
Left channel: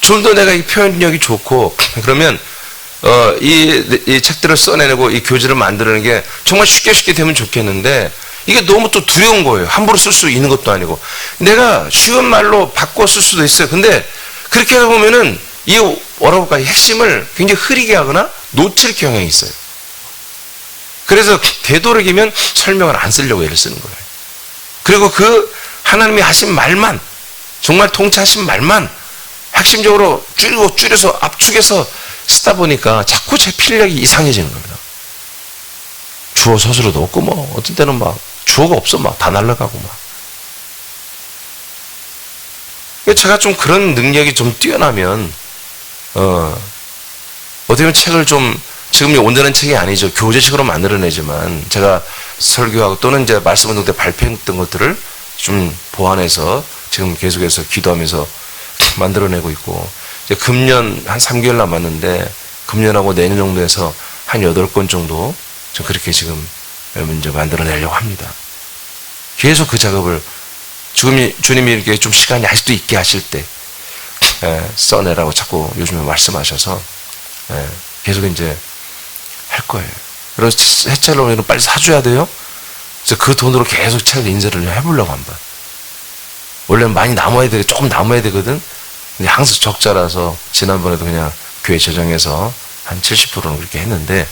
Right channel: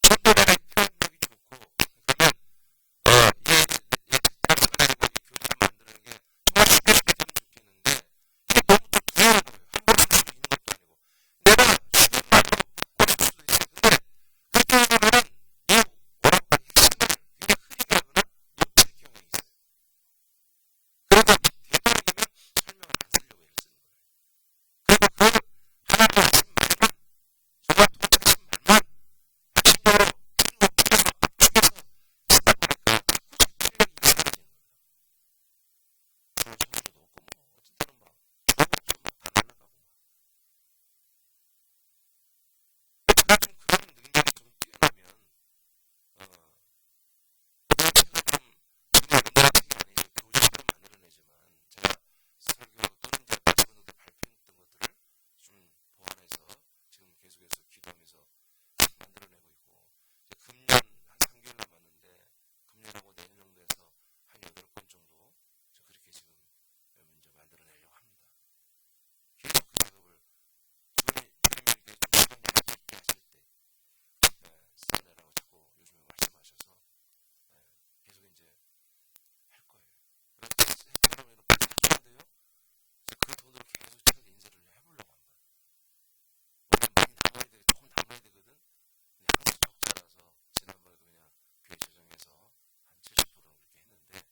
좀 더 내가 이 표현력이 좋고 그러면 이 책들을 써내고 이 교재를 만드는 게 정말 쉽게 되면 좋겠는데 이게 너무 또 두려운 거예요. 함부로 쓸 수 있는 것도 아니고. 내가 쉬운 말로 바꿔 쓸 수도 있어요. 근데 그렇게 하다 보면은 이 뭐라고 할까, 핵심을 굉장히 흐리게 하거나 놓칠 경향이 있어요. 그래서 되도록이면 설명을 안 쓰려고 애를 쓰는 거예요. 그리고 그 하나님이 하신 말만, 정말 통치하신 말만 핵심적으로 줄여서 압축해서 쓰다 보니까 자꾸 제 필력이 이상해지는 겁니다. 주어 서술어도 없고 뭐 어떤 때는 막 주어가 없어 막 다 날라가고 막. 제가 좀 그런 능력이 좀 뛰어나면 어떻게 보면 책을 좀 지금 온전한 책이 아니죠. 교재식으로 만들어내지만 제가 설교하고 또는 이제 말씀 운동 때 발표했던 것들을 좀 보완해서 지금 계속해서 기도하면서 만들어내고 있고, 이제 금년 한 3개월 남았는데 금년하고 내년 정도 해서 한 8권 정도 좀 그렇게 지금 이제 만들어내려고 합니다. 계속 그 작업을 주님이 이렇게 좀 시간이 아직도 있게 하실 때 써내라고 자꾸 요즘에 말씀하셔서 계속 이제 할 거예요. 그래서 해책을 오면 빨리 사줘야 돼요. 그래서 그 돈으로 계속 책을 인쇄를 해보려고 한다. 원래는 많이 남아야 돼, 조금 남아야 되거든. 근데 항상 적자라서 지난번에도 그냥 교회 재정에서 한 70%는 그렇게 했는데,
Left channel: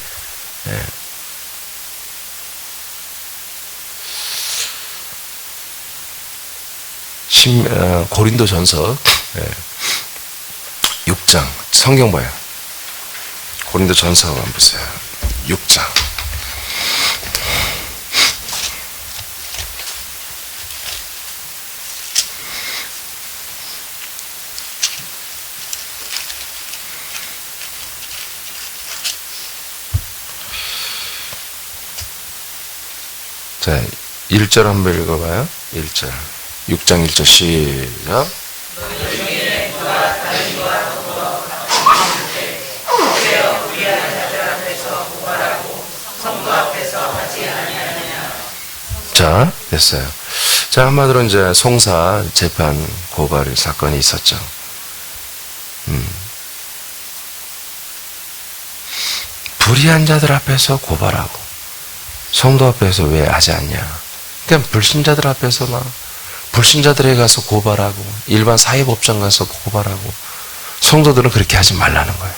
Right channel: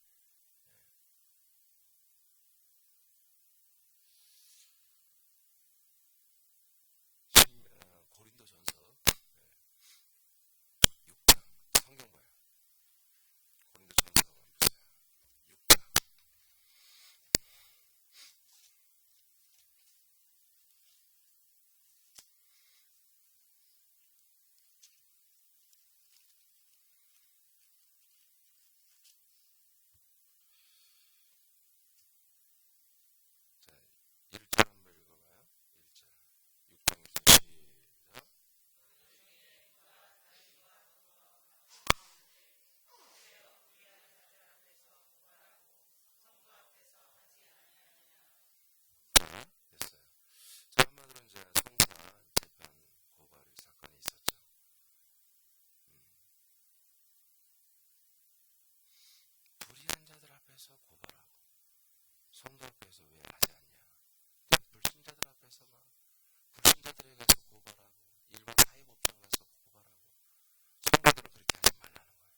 고린도전서 6장 성경 봐요. 고린도전서 한번 보세요. 6장. 자, 1절 한번 읽어봐요. 1절. 6장 1절 시작. 자, 됐어요. 자, 한마디로 이제 송사 재판 고발 사건이 있었죠. 불의한 자들 앞에서 고발하고 성도 앞에서 왜 하지 않냐. 그냥 불신자들 앞에서 막 불신자들에 가서 고발하고 일반 사회법정 가서 고발하고, 성도들은 그렇게 하지 말라는 거예요.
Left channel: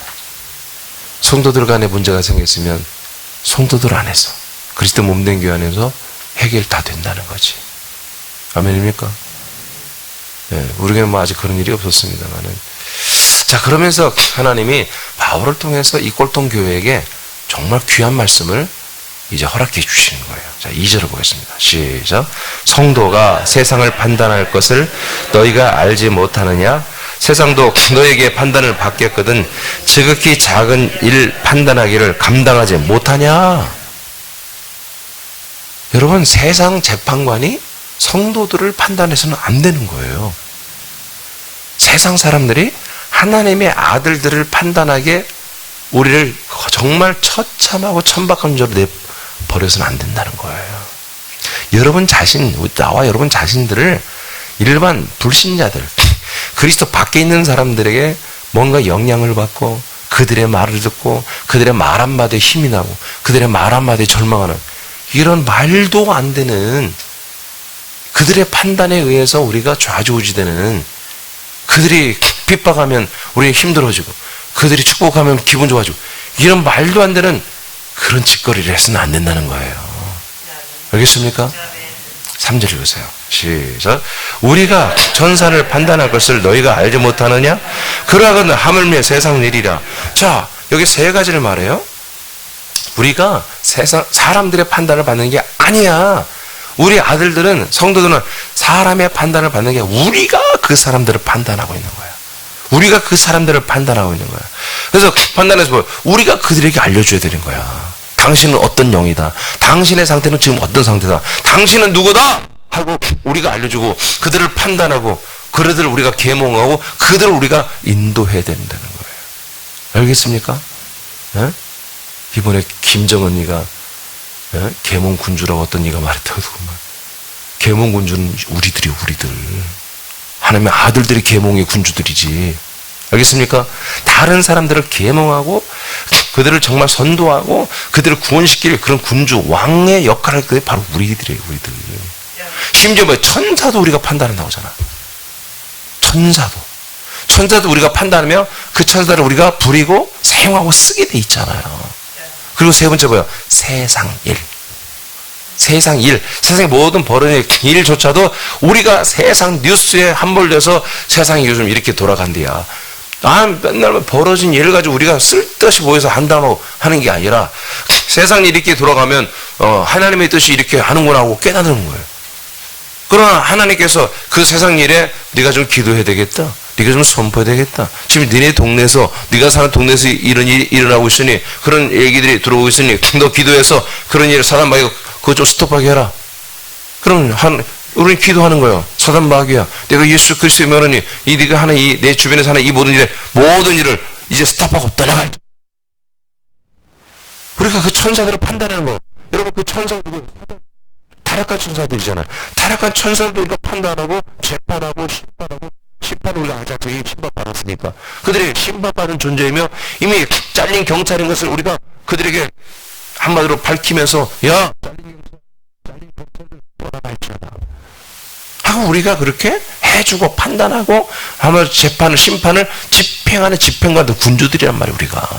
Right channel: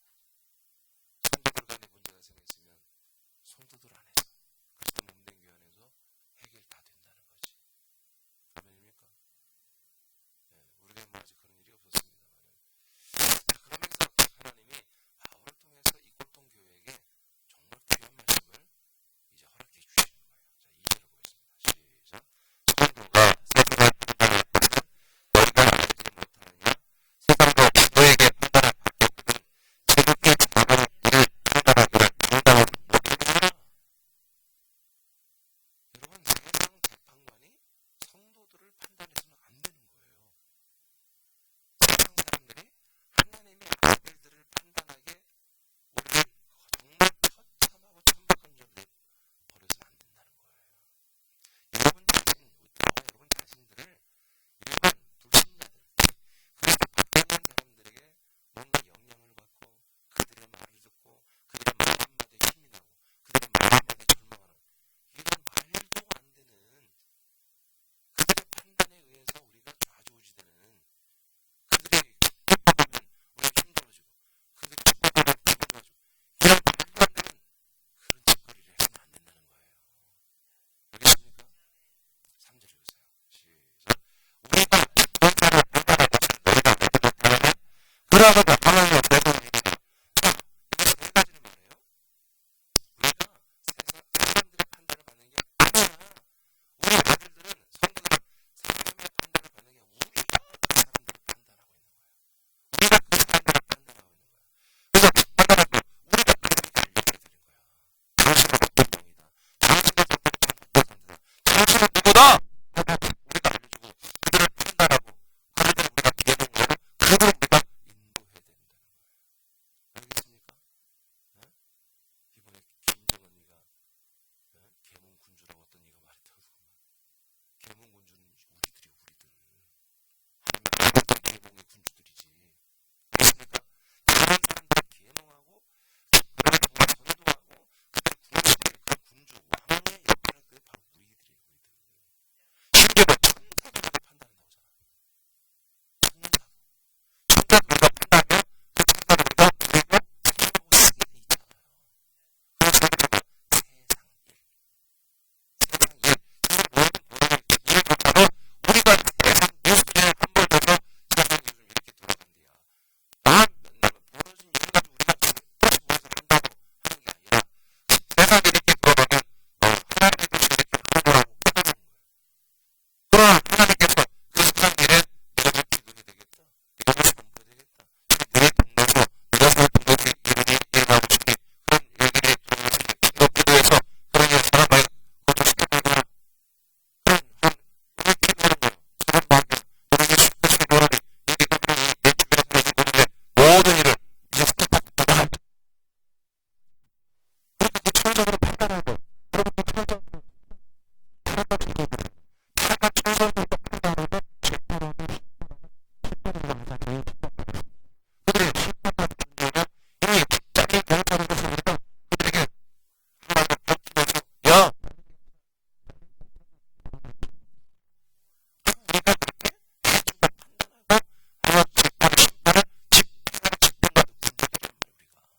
성도들 간에 문제가 생겼으면 성도들 안에서, 그리스도 몸된 교회 안에서 해결 다 된다는 거지. 아멘입니까? 우리에게는 뭐 아직 그런 일이 없었습니다만은. 자, 그러면서 하나님이 바울을 통해서 이 꼴통 교회에게 정말 귀한 말씀을 이제 허락해 주시는 거예요. 자, 2절을 보겠습니다. 시작. 성도가 세상을 판단할 것을 너희가 알지 못하느냐? 세상도 너에게 판단을 받겠거든 지극히 작은 일 판단하기를 감당하지 못하냐? 여러분, 세상 재판관이 성도들을 판단해서는 안 되는 거예요. 세상 사람들이 하나님의 아들들을 판단하게 우리를 정말 처참하고 천박한 죄로 내버려서는 안 된다는 거예요. 여러분 자신, 나와 여러분 자신들을 일반 불신자들, 그리스도 밖에 있는 사람들에게 뭔가 영향을 받고 그들의 말을 듣고 그들의 말 한마디에 힘이 나고 그들의 말 한마디에 절망하는 이런 말도 안 되는 그들의 판단에 의해서 우리가 좌지우지되는, 그들이 핍박하면 우리 힘들어지고 그들이 축복하면 기분 좋아지고 이런 말도 안 되는 그런 짓거리를 해서는 안 된다는 거예요. 알겠습니까? 3절 읽으세요. 시작. 우리가 전산을 판단할 것을 너희가 알지 못하느냐? 그러하거든 하물며 세상 일이라. 자, 여기 세 가지를 말해요. 우리가 세상 사람들의 판단을 받는 게 아니야. 우리 아들들은, 성도들은 사람의 판단을 받는 게 우리가 그 사람들을 판단하고 있는 거야. 우리가 그 사람들을 판단하고 있는 거야. 그래서 판단해서 뭐 우리가 그들에게 알려줘야 되는 거야. 당신은 어떤 영이다. 당신의 상태는 지금 어떤 상태다. 당신은 누구다 하고 우리가 알려주고 그들을 판단하고 그들을 우리가 계몽하고 그들을 우리가 인도해야 된다는 거예요. 알겠습니까? 예? 이번에 김정은이가 계몽군주라고 어떤 이가 말했다고 그만. 계몽군주는 우리들이 하나님의 아들들이 계몽의 군주들이지. 알겠습니까? 다른 사람들을 계몽하고 그들을 정말 선도하고 그들을 구원시킬 그런 군주 왕의 역할을 할 때 바로 우리들이에요. 우리들. 심지어 뭐 천사도 우리가 판단한다고 하잖아. 천사도 우리가 판단하며 그 천사를 우리가 부리고 사용하고 쓰게 돼 있잖아요. 그리고 세 번째 뭐예요? 세상 일. 세상의 모든 벌어진 일조차도 우리가 세상 뉴스에 함몰돼서 세상이 요즘 이렇게 돌아간대야. 맨날 벌어진 일을 가지고 우리가 쓸데없이 모여서 한다고 하는 게 아니라 세상 일이 이렇게 돌아가면 하나님의 뜻이 이렇게 하는구나 하고 깨닫는 거예요. 그러나 하나님께서 그 세상 일에 네가 좀 기도해야 되겠다. 네가 좀 선포해야 되겠다. 지금 니네 동네에서 네가 사는 동네에서 이런 일이 일어나고 있으니 그런 얘기들이 들어오고 있으니 너 기도해서 그런 일을 사단 마귀가 그거 좀 스톱하게 해라. 그럼 우리는 기도하는 거예요. 사단 마귀야. 내가 예수 그리스도의 명하니 이 네가 하는 이 내 주변에 사는 이 모든 일을 이제 스톱하고 떠나갈. 우리가 그 천사들을 판단하는 거. 여러분 그 천사들 타락한 천사들이잖아요. 타락한 천사들도 우리가 판단하고 재판하고 심판을 우리가 가장 심판받았으니까 그들이 심판받은 존재이며 이미 잘린 경찰인 것을 우리가 그들에게 한마디로 밝히면서 야 잘린 경찰들 떠나갈지어다 하고 우리가 그렇게 해주고 판단하고 아마 재판을 심판을 집행하는 집행관들 군주들이란 말이에요. 우리가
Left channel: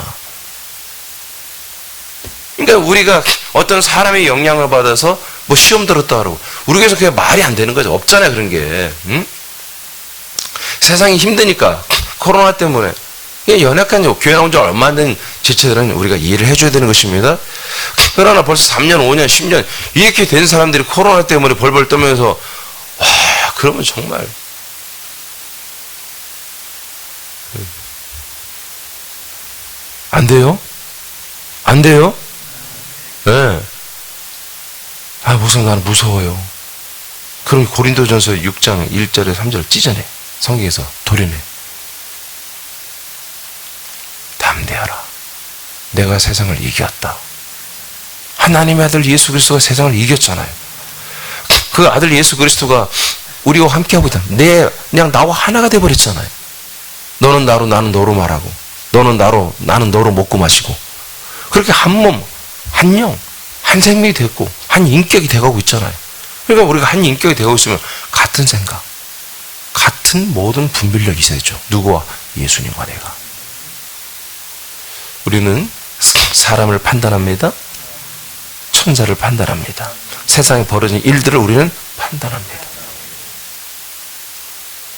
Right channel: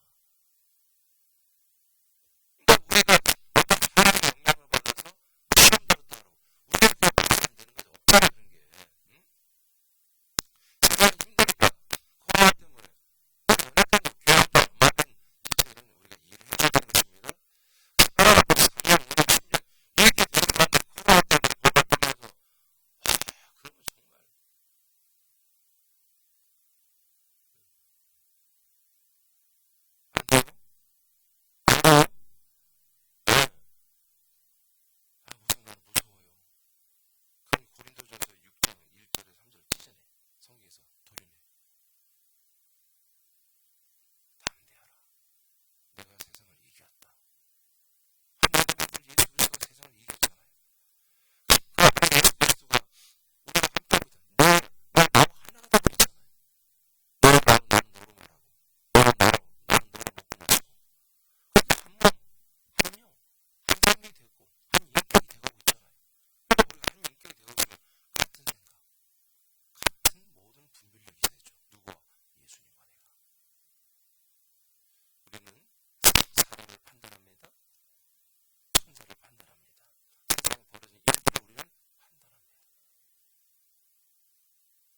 그러니까 우리가 어떤 사람의 영향을 받아서 뭐 시험 들었다 그러고 우리에게서 그게 말이 안 되는 거죠. 없잖아요 그런 게. 응? 세상이 힘드니까 코로나 때문에 연약한 교회 나온 지 얼마 안 된 지체들은 우리가 이해를 해줘야 되는 것입니다. 그러나 벌써 3년, 5년, 10년 이렇게 된 사람들이 코로나 때문에 벌벌 떨면서 와 그러면 정말 안 돼요? 안 돼요? 네. 목사님 나는 무서워요. 그럼 고린도전서 6장 1절에 3절 찢어내. 성경에서 도려내. 담대하라. 내가 세상을 이겼다. 하나님의 아들 예수 그리스도가 세상을 이겼잖아요. 그 아들 예수 그리스도가 우리와 함께하고 있다. 그냥 나와 하나가 돼버렸잖아요. 너는 나로 나는 너로 말하고 너는 나로 나는 너로 먹고 마시고 그렇게 한 몸, 한 영, 한 생명이 됐고 한 인격이 돼가고 있잖아요. 그러니까 우리가 한 인격이 되고 있으면 같은 생각, 같은 모든 분별력이 있어야 되죠. 누구와? 예수님과 내가. 우리는 사람을 판단합니다. 천사를 판단합니다. 세상에 벌어진 일들을 우리는 판단합니다.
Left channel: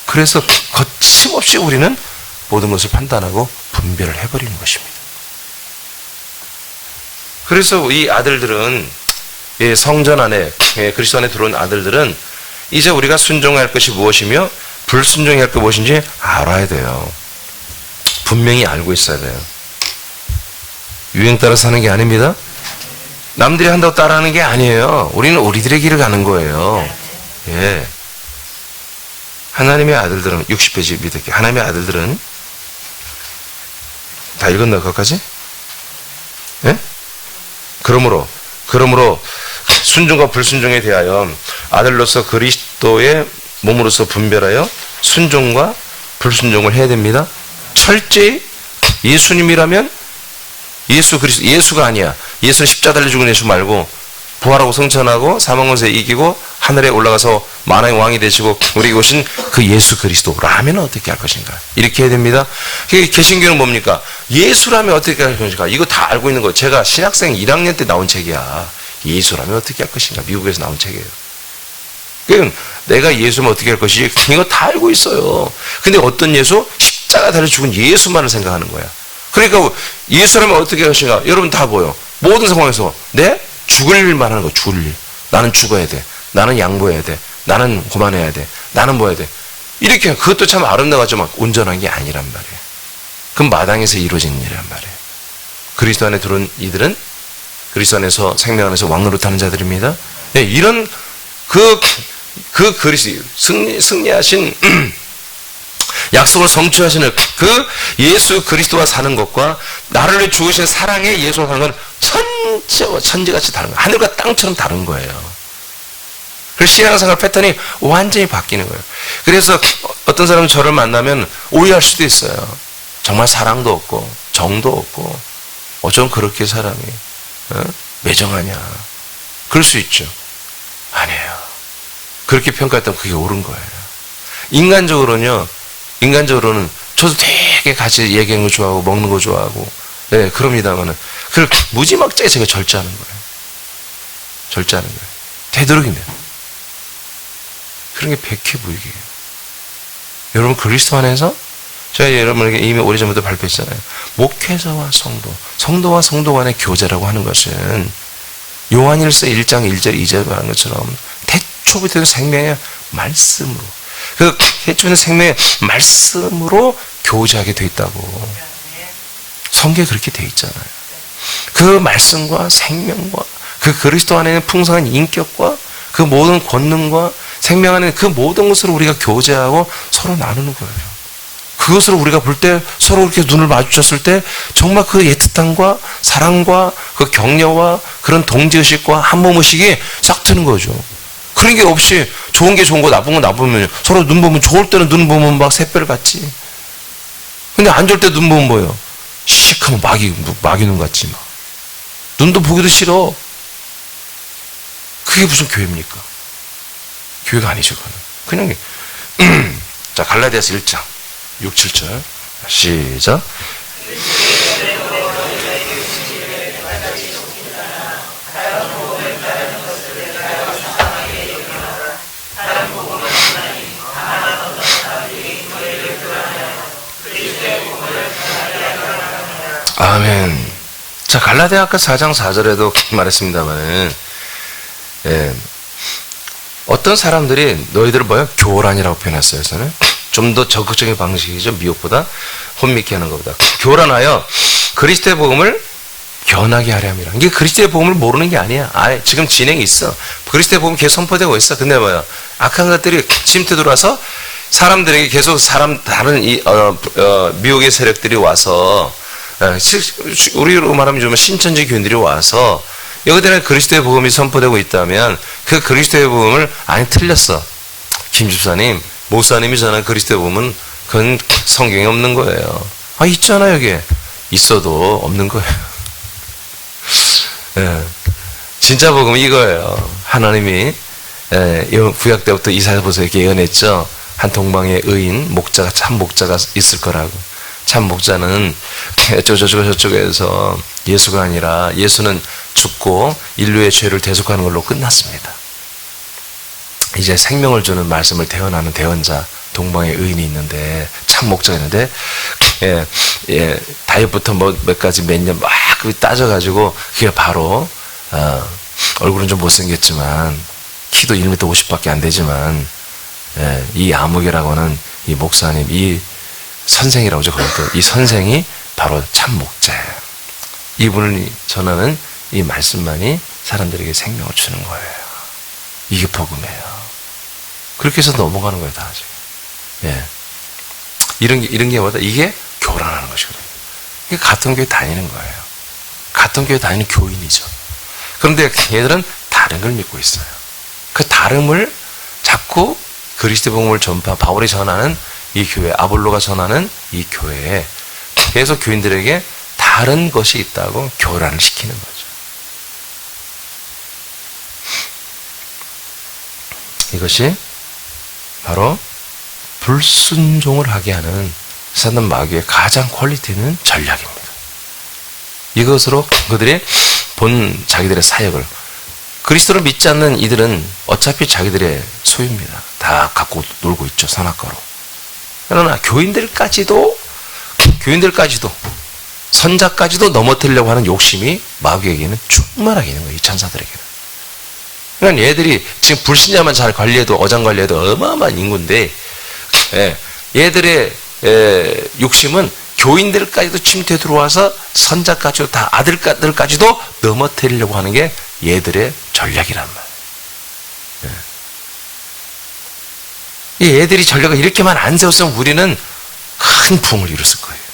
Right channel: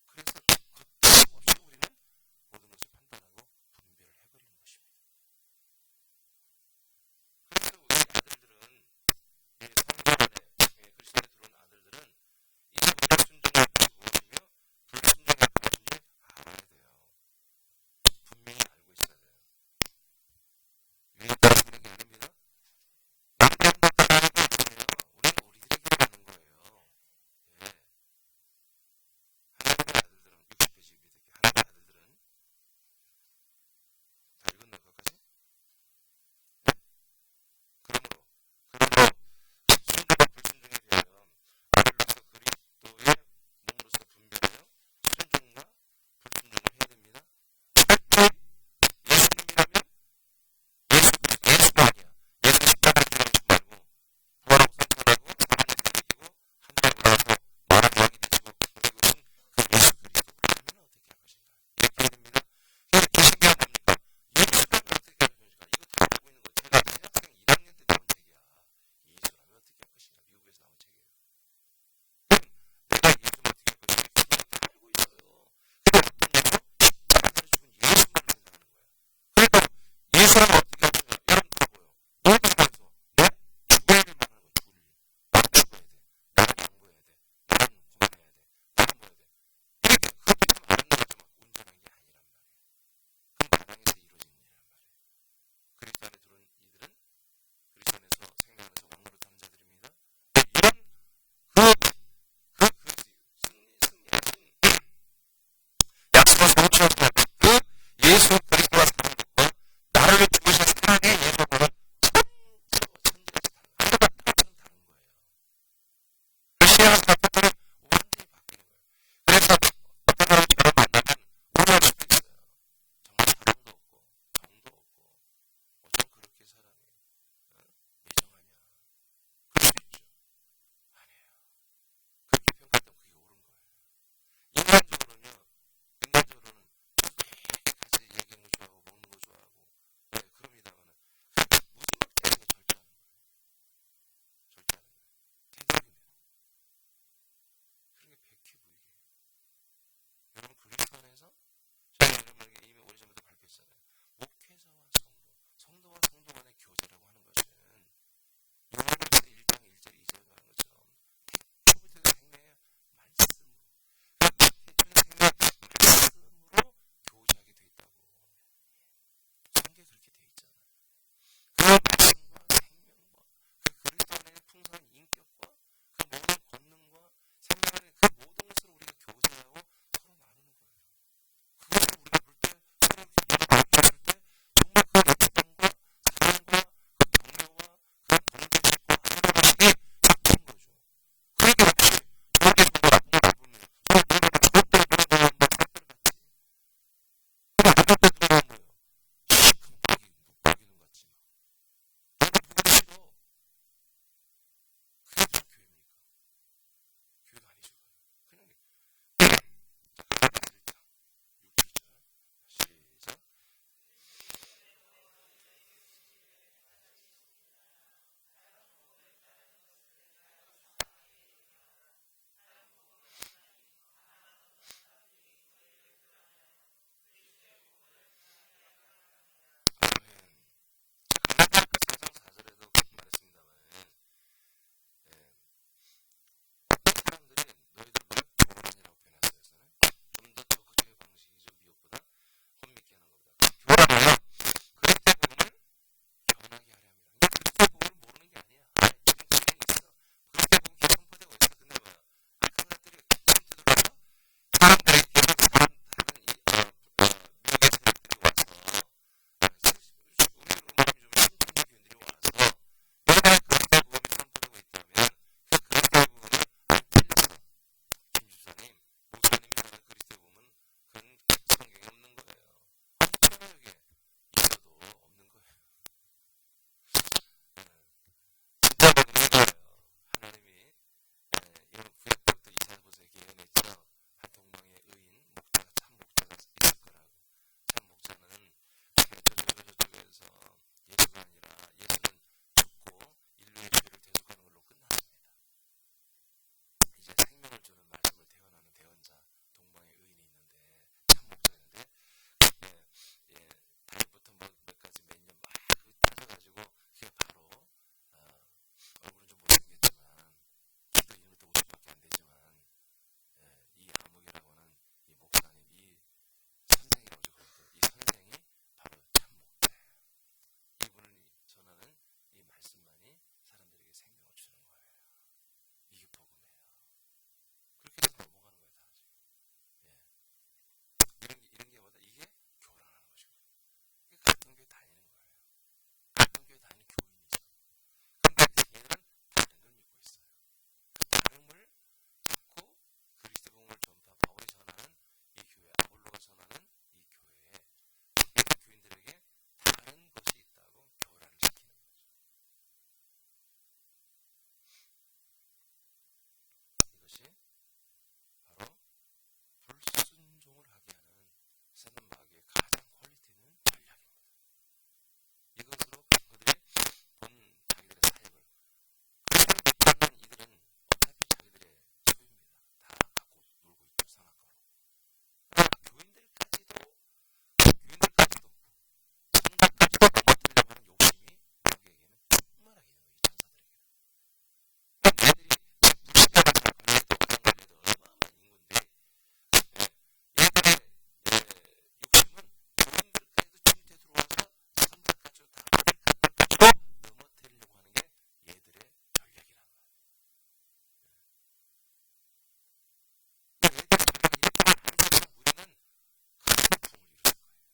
그래서 거침없이 우리는 모든 것을 판단하고 분별을 해버리는 것입니다. 그래서 이 아들들은 성전 안에 그리스도 안에 들어온 아들들은 이제 우리가 순종해야 할 것이 무엇이며 불순종해야 할 것이 무엇인지 알아야 돼요. 분명히 알고 있어야 돼요. 유행 따라 사는 게 아닙니다. 남들이 한다고 따라하는 게 아니에요. 우리는 우리들의 길을 가는 거예요. 예. 하나님의 아들들은 60페이지 밑에 하나님의 아들들은 다 읽었나 거기까지? 예? 그러므로 순종과 불순종에 대하여 아들로서 그리스도의 몸으로서 분별하여 순종과 불순종을 해야 됩니다. 철저히 예수님이라면 예수 그리스도 예수가 아니야. 예수는 십자가 달려 죽은 예수 말고 부활하고 성천하고 사망권세 이기고 하늘에 올라가서 만왕의 왕이 되시고 우리에게 오신 그 예수 그리스도라면 어떻게 할 것인가? 이렇게 해야 됩니다. 개신교는 뭡니까? 예수라면 어떻게 할 것인가? 이거 다 알고 있는 거. 제가 신학생 1학년 때 나온 책이야. 예수라면 어떻게 할 것인가? 미국에서 나온 책이에요. 그럼 내가 예수면 어떻게 할 것이지? 이거 다 알고 있어요. 근데 어떤 예수? 십자가 달려 죽은 예수만을 생각하는 거야. 그러니까 예수라면 어떻게 할 것인가? 여러분 다 보여. 모든 상황에서 죽을 일만 하는 거. 죽을 일. 나는 죽어야 돼. 나는 양보해야 돼. 나는 고만해야 돼. 나는 뭐 해야 돼. 이렇게 그것도 참 아름다웠지만 온전한 게 아니란 말이에요. 그건 마당에서 이루어진 일이란 말이에요. 그리스도 안에 들어온 이들은 그리스도 안에서 생명 안에서 왕노릇하는 자들입니다. 네, 이런 그 그리스도 승리하신 약속을 성취하시는 그 예수 그리스도와 사는 것과 나를 위해 죽으신 사랑의 예수와 사는 건 천지같이 다른 거예요. 하늘과 땅처럼 다른 거예요. 그래서 신앙생활 패턴이 완전히 바뀌는 거예요. 그래서 어떤 사람은 저를 만나면 오해할 수도 있어요. 정말 사랑도 없고 정도 없고 어쩜 그렇게 사람이 매정하냐. 그럴 수 있죠. 아니에요. 그렇게 평가했다면 그게 옳은 거예요. 인간적으로는 저도 되게 같이 얘기하는 거 좋아하고 먹는 거 좋아하고 네, 그럽니다만은 그걸 무지막지하게 제가 절제하는 거예요. 절제하는 거예요. 되도록이면. 그런 게 백해무익이에요. 여러분 그리스도 안에서 제가 여러분에게 이미 오래전부터 발표했잖아요. 목회자와 성도와 성도 간의 교제라고 하는 것은 요한일서 1장 1절 2절에 말한 것처럼 태초부터 생명의 말씀으로 그 태초부터 생명의 말씀으로 교제하게 돼 있다고. 성경에 그렇게 돼 있잖아요. 그 말씀과 생명과 그 그리스도 안에 있는 풍성한 인격과 그 모든 권능과 생명 안에 그 모든 것으로 우리가 교제하고 서로 나누는 거예요. 그것을 우리가 볼 때 서로 이렇게 눈을 마주쳤을 때 정말 그 애틋함과 사랑과 그 격려와 그런 동지의식과 한몸의식이 싹 트는 거죠. 그런 게 없이 좋은 게 좋은 거 나쁜 거 나쁘면 서로 눈 보면 좋을 때는 눈 보면 막 샛별 같지. 근데 안 좋을 때 눈 보면 뭐예요? 시커먼 마귀 눈 같지 막. 눈도 보기도 싫어. 그게 무슨 교회입니까? 교회가 아니죠, 그거는. 그냥 자, 갈라디아서 1장 6, 7절 시작. 아멘. 자, 갈라디아 아까 4장 4절에도 말했습니다만은 어떤 사람들이 너희들을 뭐야? 교란이라고 표현했어요. 저는 좀 더 적극적인 방식이죠. 미혹보다 혼미케 하는 것보다. 교란하여 그리스도의 복음을 변하게 하려 함이라. 이게 그리스도의 복음을 모르는 게 아니야. 지금 진행이 있어. 그리스도의 복음 계속 선포되고 있어. 근데 뭐야? 악한 것들이 침투 들어와서 사람들에게 계속 다른 미혹의 세력들이 와서 우리로 말하면 좀 신천지 교인들이 와서 여기들은 그리스도의 복음이 선포되고 있다면 그 그리스도의 복음을 아니 틀렸어. 김 집사님, 목사님이 전한 그리스도의 복음은 그건 성경에 없는 거예요. 있잖아 여기에. 있어도 없는 거예요. 예. 진짜 복음은 이거예요. 하나님이 구약 때부터 이사야서에게 예언했죠. 한 동방의 의인, 목자가 참 목자가 있을 거라고. 참 목자는 저쪽에서 예수가 아니라 예수는 죽고 인류의 죄를 대속하는 걸로 끝났습니다. 이제 생명을 주는 말씀을 대언하는 대언자 동방의 의인이 있는데 참 목자가 있는데 다이어트부터 몇 가지 몇 년 막 따져가지고 그게 바로 얼굴은 좀 못생겼지만 키도 1m 50밖에 안 되지만 이 아무개라고 하는 이 목사님 이 선생이라고 하죠. 그것도 이 선생이 바로 참 목자예요. 이분을 전하는 이 말씀만이 사람들에게 생명을 주는 거예요. 이게 복음이에요. 그렇게 해서 넘어가는 거예요, 다 지금. 이런 게 뭐다? 이게 교란하는 것이거든요. 이게 같은 교회 다니는 거예요. 같은 교회 다니는 교인이죠. 그런데 얘들은 다른 걸 믿고 있어요. 그 다름을 자꾸 그리스도 복음을 바울이 전하는 이 교회, 아볼로가 전하는 이 교회에 계속 교인들에게 다른 것이 있다고 교란을 시키는 거죠. 이것이 바로 불순종을 하게 하는 사단 마귀의 가장 퀄리티 있는 전략입니다. 이것으로 그들이 본 자기들의 사역을 그리스도를 믿지 않는 이들은 어차피 자기들의 소유입니다. 다 갖고 놀고 있죠. 선악과로. 그러나 교인들까지도 선자까지도 넘어뜨리려고 하는 욕심이 마귀에게는 충만하게 있는 거예요. 이 천사들에게는. 그러니까 얘들이 지금 불신자만 잘 관리해도 어장관리해도 어마어마한 인구인데 얘들의 욕심은 교인들까지도 침투해 들어와서 선자까지도 다 아들까지도 넘어뜨리려고 하는 게 얘들의 전략이란 말이에요. 이 애들이 전략을 이렇게만 안 세웠으면 우리는 큰 부흥을 이뤘을 거예요.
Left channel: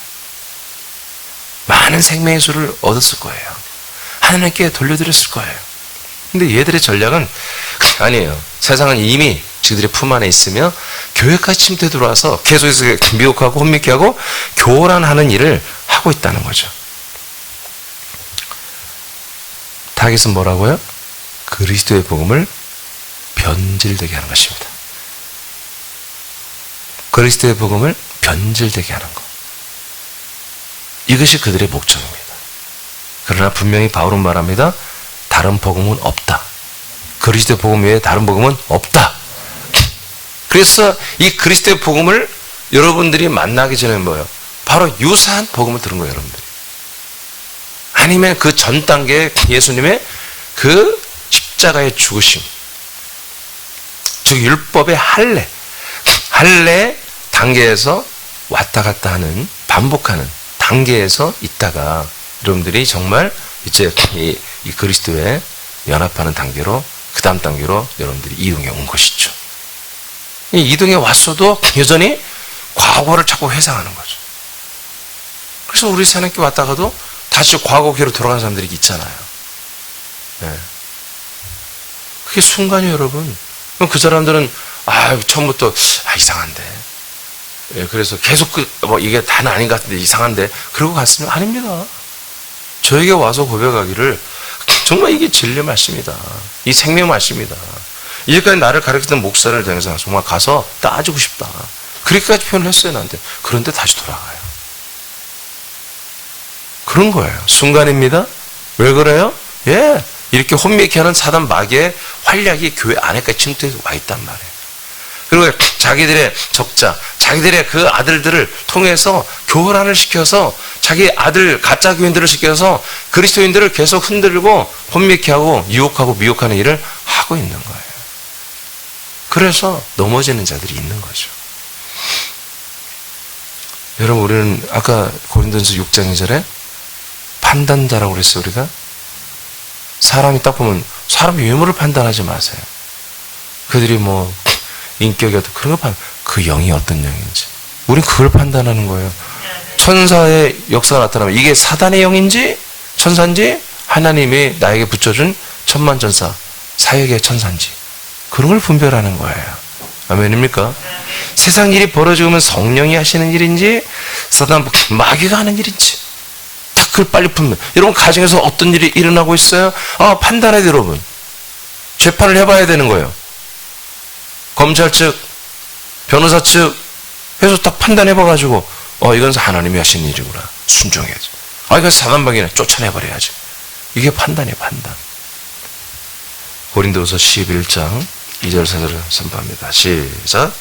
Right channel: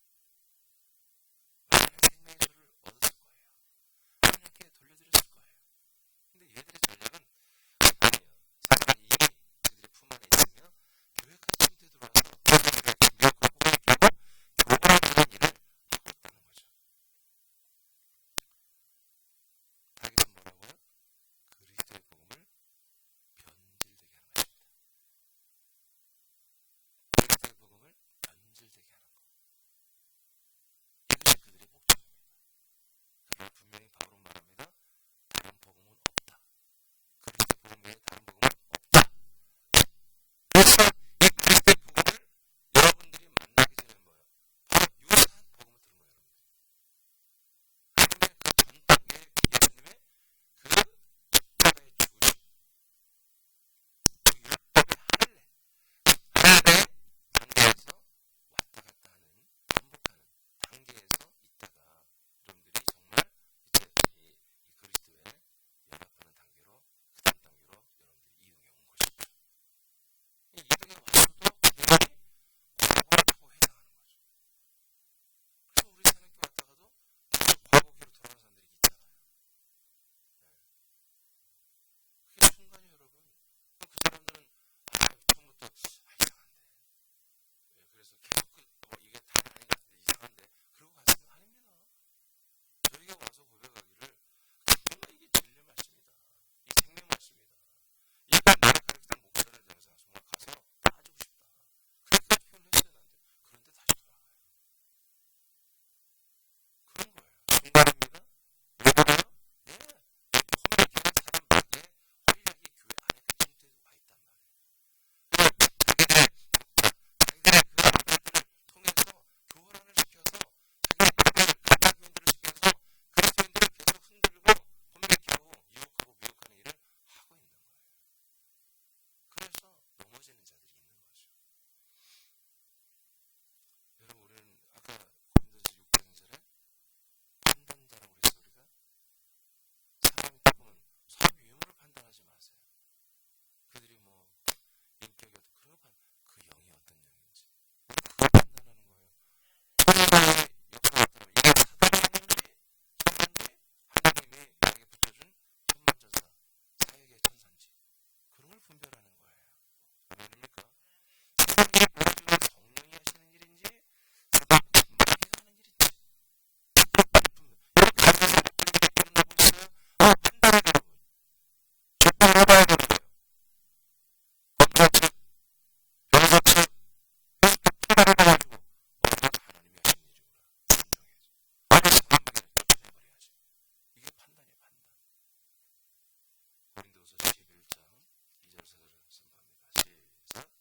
많은 생명의 수를 얻었을 거예요. 하나님께 돌려드렸을 거예요. 근데 얘들의 전략은 아니에요. 세상은 이미 지들의 품 안에 있으며 교회까지 침투해 들어와서 계속해서 미혹하고 혼미케 하고 교란하는 일을 하고 있다는 거죠. 타겟은 뭐라고요? 그리스도의 복음을 변질되게 하는 것입니다. 그리스도의 복음을 변질되게 하는 것. 이것이 그들의 목적입니다. 그러나 분명히 바울은 말합니다. 다른 복음은 없다. 그리스도의 복음 외에 다른 복음은 없다. 그래서 이 그리스도의 복음을 여러분들이 만나기 전에 뭐예요? 바로 유사한 복음을 들은 거예요, 여러분들이. 아니면 그 전 단계의 예수님의 그 십자가의 죽으심, 즉 율법의 할례 단계에서 왔다 갔다 하는, 반복하는 단계에서 있다가 여러분들이 정말 이제 이 그리스도에 연합하는 단계로, 그 다음 단계로 여러분들이 이동해 온 것이죠. 이 이동해 왔어도 여전히 과거를 자꾸 회상하는 거죠. 그래서 우리 하나님께 왔다가도 다시 과거기로 돌아가는 사람들이 있잖아요. 네. 그게 순간이에요, 여러분. 그럼 그 사람들은 처음부터 이상한데. 예, 그래서 계속 이게 다는 아닌 것 같은데 이상한데 그러고 갔으면 아닙니다. 저에게 와서 고백하기를 정말 이게 진리 말씀이다. 이 생명 말씀이다. 이제까지 나를 가르치던 목사를 통해서 정말 가서 따지고 싶다. 그렇게까지 표현을 했어요, 나한테. 그런데 다시 돌아가요. 그런 거예요. 순간입니다. 왜 그래요? 예. 이렇게 혼미케 하는 사단 마귀의 활약이 교회 안에까지 침투해서 와 있단 말이에요. 그리고 자기들의 적자, 자기들의 그 아들들을 통해서 교란을 시켜서 자기 아들 가짜 교인들을 시켜서 그리스도인들을 계속 흔들고 혼미케 하고 유혹하고 미혹하는 일을 하고 있는 거예요. 그래서 넘어지는 자들이 있는 거죠. 여러분, 우리는 아까 고린도전서 6장 2절에 판단자라고 그랬어요, 우리가. 사람이 딱 보면 사람 외모를 판단하지 마세요. 그들이 뭐 인격이 어떤 그런 거 그 영이 어떤 영인지. 우린 그걸 판단하는 거예요. 천사의 역사가 나타나면 이게 사단의 영인지 천사인지 하나님이 나에게 붙여준 천만전사 사역의 천사인지 그런 걸 분별하는 거예요. 아멘입니까? 세상 일이 벌어지면 성령이 하시는 일인지 사단 마귀가 하는 일인지 딱 그걸 빨리 분별. 여러분 가정에서 어떤 일이 일어나고 있어요? 판단해야 돼요, 여러분. 재판을 해봐야 되는 거예요. 검찰 측, 변호사 측 해서 딱 판단해봐가지고 이건 하나님이 하신 일이구나. 순종해야지. 이건 사단방이네. 쫓아내버려야지. 이게 판단이에요, 판단. 고린도후서 11장 2절 4절을 선포합니다. 시작.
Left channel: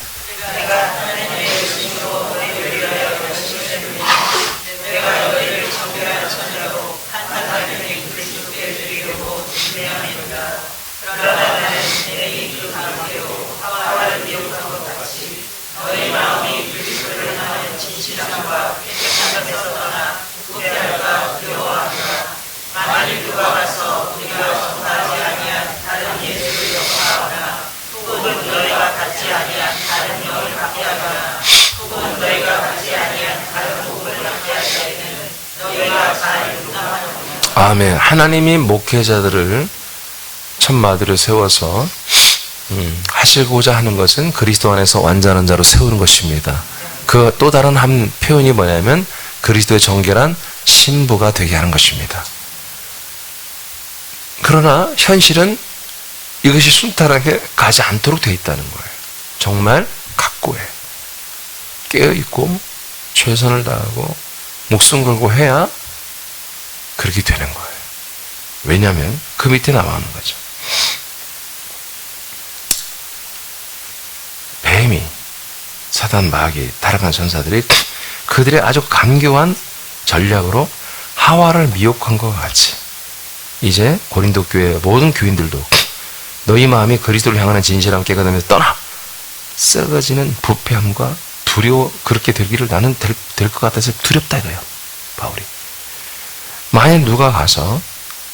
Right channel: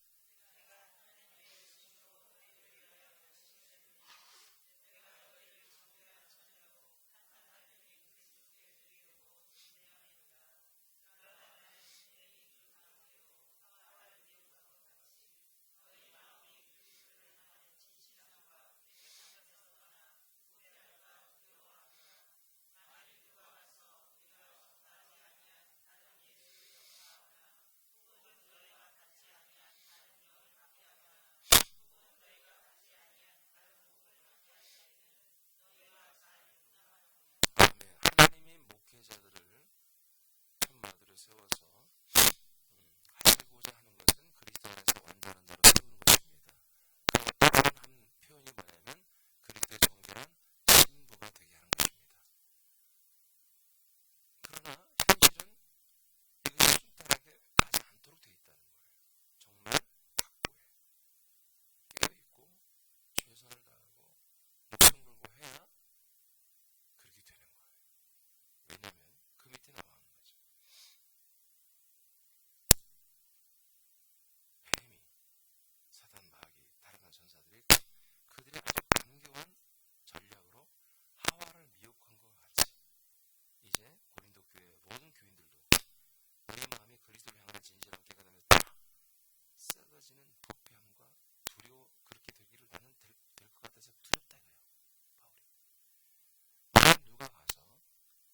아멘. 하나님이 목회자들을 천마들을 세워서 하시고자 하는 것은 그리스도 안에서 완전한 자로 세우는 것입니다. 그 또 다른 한 표현이 뭐냐면 그리스도의 정결한 신부가 되게 하는 것입니다. 그러나 현실은 이것이 순탄하게 가지 않도록 되어 있다는 거예요. 정말 각고해. 깨어있고 최선을 다하고 목숨 걸고 해야 그렇게 되는 거예요. 왜냐하면 그 밑에 나오는 거죠. 뱀이, 사단, 마귀, 타락한 전사들이 그들의 아주 간교한 전략으로 하와를 미혹한 것 같이 이제 고린도 교회 모든 교인들도 너희 마음이 그리스도를 향하는 진실함 깨닫으면서 떠나 썩어지는 부패함과 두려워 그렇게 되기를 나는 될 것 같아서 두렵다 이거예요. 바울이. 만약 누가 가서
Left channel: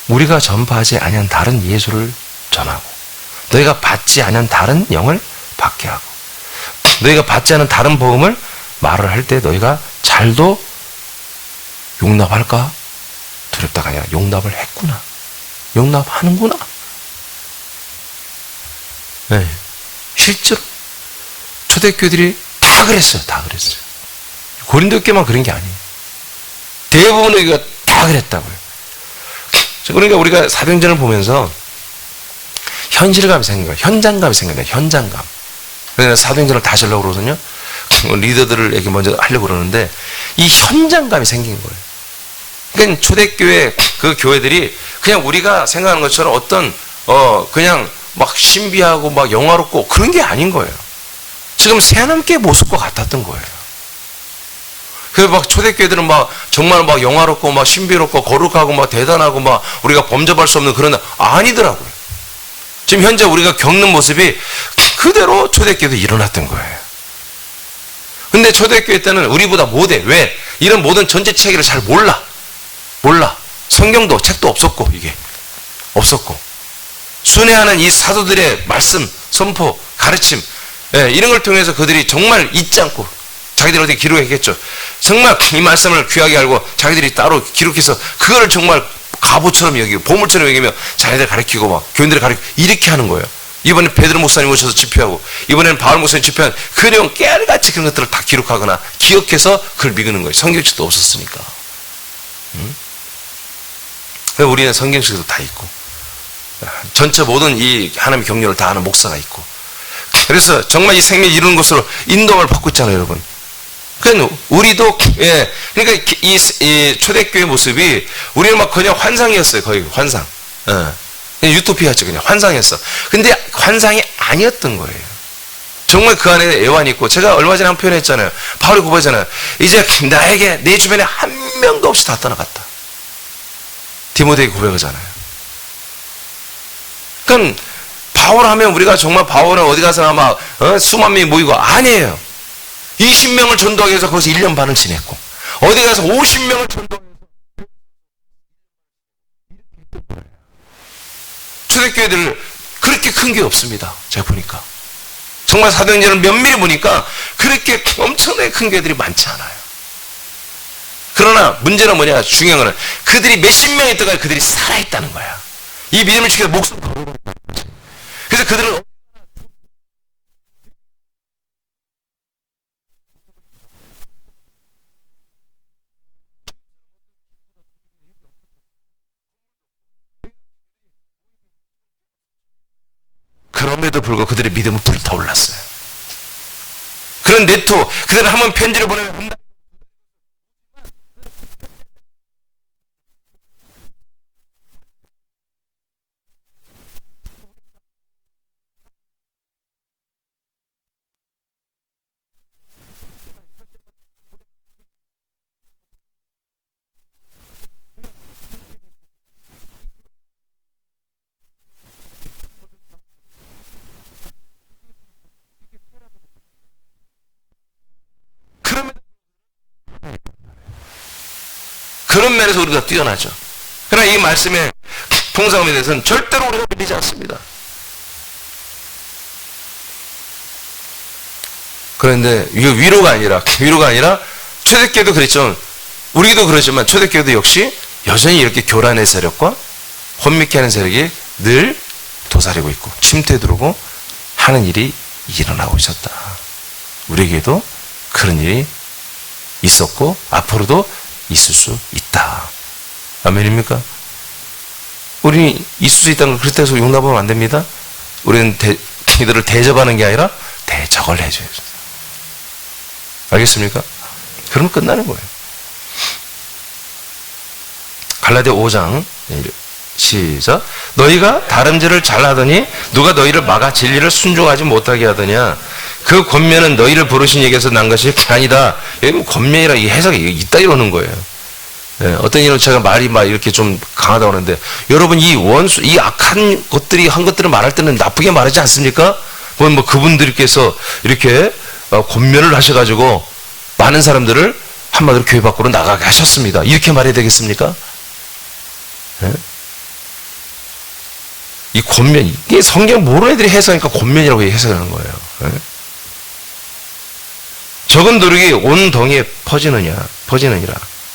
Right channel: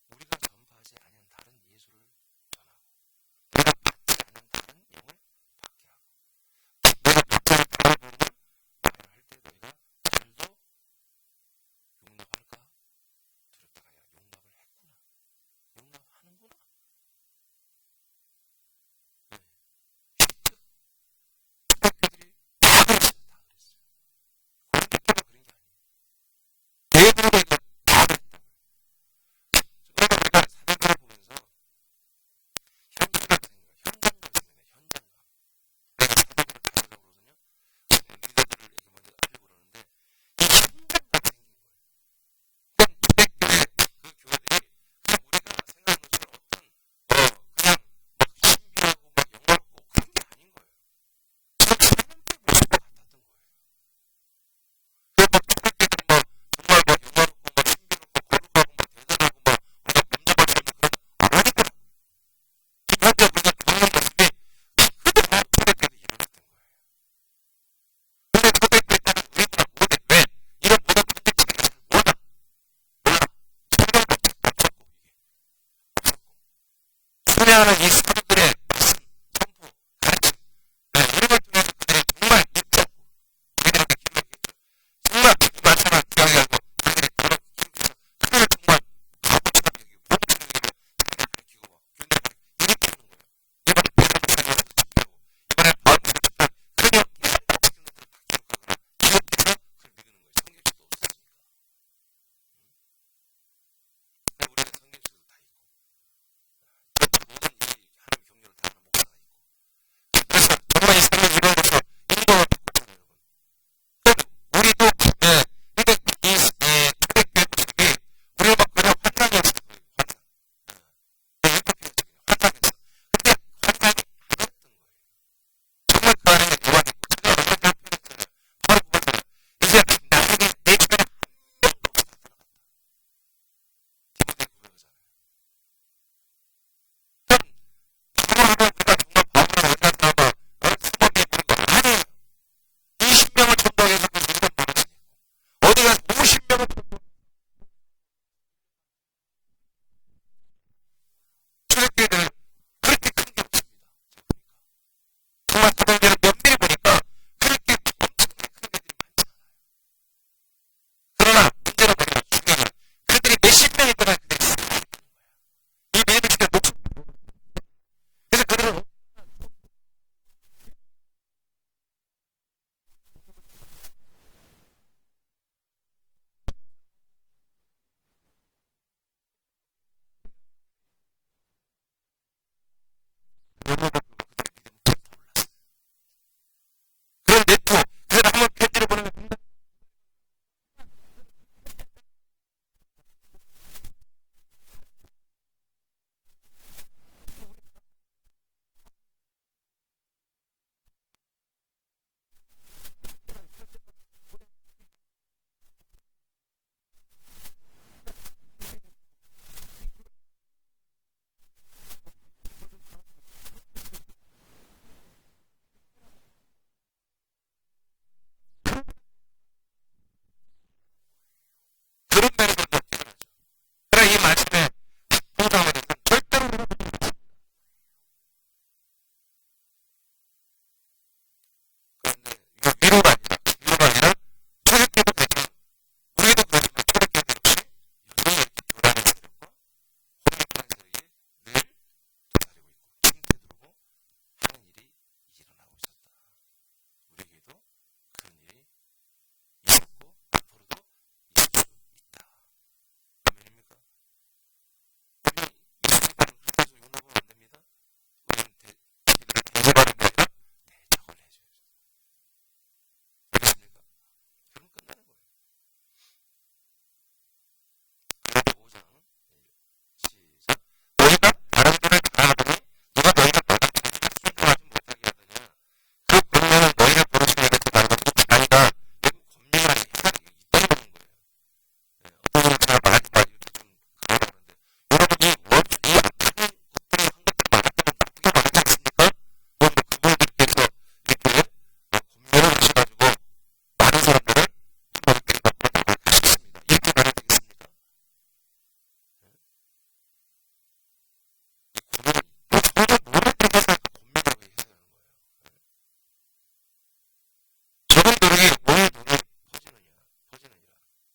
우리가 전파하지 아니한 다른 예수를 전하고 너희가 받지 아니한 다른 영을 받게 하고 너희가 받지 않은 다른 복음을 말을 할 때 너희가 잘도 용납할까? 두렵다가 아니라 용납을 했구나. 용납하는구나. 네. 실제로 초대교회들이 다 그랬어요. 다 그랬어요. 고린도 교회만 그런 게 아니에요. 대부분의 교회가 다 그랬다고요. 그러니까 우리가 사도행전을 보면서 현실감이 생긴 거예요. 현장감이 생긴 거예요. 현장감. 그래서 사도행전을 다시 하려고 그러거든요. 리더들에게 먼저 하려고 그러는데 이 현장감이 생긴 거예요. 그러니까 초대교회 그 교회들이 그냥 우리가 생각하는 것처럼 어떤 그냥 막 신비하고 막 영화롭고 그런 게 아닌 거예요. 지금 새하늘교회 모습과 같았던 거예요. 그 막 초대교회들은 막 정말 막 영화롭고 막 신비롭고 거룩하고 막 대단하고 막 우리가 범접할 수 없는 그런 아니더라고요. 지금 현재 우리가 겪는 모습이 그대로 초대교회도 일어났던 거예요. 근데 초대교회 때는 우리보다 못해. 왜? 이런 모든 전체 체계를 잘 몰라. 성경도 책도 없었고 이게 없었고 순회하는 이 사도들의 말씀, 선포, 가르침 이런 걸 통해서 그들이 정말 잊지 않고 자기들이 어떻게 기록했겠죠. 정말 이 말씀을 귀하게 알고 자기들이 따로 기록해서 그거를 정말 갑오처럼 여기고 보물처럼 여기며 자기들 가르치고 막 교인들을 가르치고 이렇게 하는 거예요. 이번에 베드로 목사님 오셔서 집회하고 이번에는 바울 목사님 집회한 그 내용 깨알같이 그런 것들을 다 기록하거나 기억해서 그걸 믿는 거예요. 성경책도 없었으니까. 우리는 성경책도 다 있고 전체 모든 이 하나님의 경륜을 다 아는 목사가 있고 그래서 정말 이 생명을 이루는 것으로 인도를 받고 있잖아요, 여러분. 그러니까 우리도 그러니까 이 초대교회 모습이 우리는 막 그냥 환상이었어요. 거의 환상. 그냥 유토피아였죠. 그냥 환상이었어. 근데 환상이 아니었던 거예요. 정말 그 안에 애환이 있고 제가 얼마 전에 한 표현 했잖아요. 바울이 고백하잖아요. 이제 나에게 내 주변에 한 명도 없이 다 떠나갔다. 디모데에게 고백하잖아요. 그러니까 바울 하면 우리가 정말 바울은 어디 가서나 막 수만 명이 모이고 아니에요. 20명을 전도하기 위해서 거기서 1년 반을 지냈고 어디 가서 50명을 전도하기 위해서 초대교회들을 그렇게 큰 게 없습니다. 제가 보니까 정말 사도행전을 면밀히 보니까 그렇게 엄청나게 큰 교회들이 많지 않아요. 그러나 문제는 뭐냐, 중요한 거는 그들이 몇십 명이 있다가 그들이 살아있다는 거야. 이 믿음을 지켜서 목숨 걸고 그래서 그들은 그럼에도 불구하고 그들의 믿음은 불타올랐어요. 그런 네토, 그들은 한번 편지를 보내면 그런 면에서 우리가 뛰어나죠. 그러나 이 말씀의 풍성함에 대해서는 절대로 우리가 밀리지 않습니다. 그런데 이거 위로가 아니라 초대교회도 그랬죠. 우리도 그러지만 초대교회도 역시 여전히 이렇게 교란의 세력과 혼미케 하는 세력이 늘 도사리고 있고 침투해 들어오고 하는 일이 일어나고 있었다. 우리에게도 그런 일이 있었고 앞으로도 있을 수 있다. 아멘입니까? 우리 있을 수 있다는 걸 그렇다고 해서 용납하면 안 됩니다. 우리는 이들을 대접하는 게 아니라 대적을 해줘야죠. 알겠습니까? 그러면 끝나는 거예요. 갈라디아 5장 시작. 너희가 다름질을 잘하더니 누가 너희를 막아 진리를 순종하지 못하게 하더냐. 그 권면은 너희를 부르신 얘기에서 난 것이 아니다. 여기 뭐 권면이라 이 해석이 있다 이러는 거예요. 어떤 이는 제가 말이 막 이렇게 좀 강하다고 하는데 여러분 이 원수 이 악한 것들이 한 것들을 말할 때는 나쁘게 말하지 않습니까? 뭐 그분들께서 이렇게 권면을 하셔가지고 많은 사람들을 한마디로 교회 밖으로 나가게 하셨습니다. 이렇게 말해야 되겠습니까? 이 권면 이게 성경 모르는 애들이 해석하니까 권면이라고 해석하는 거예요. 적은 누룩이 온 동에 퍼지느니라.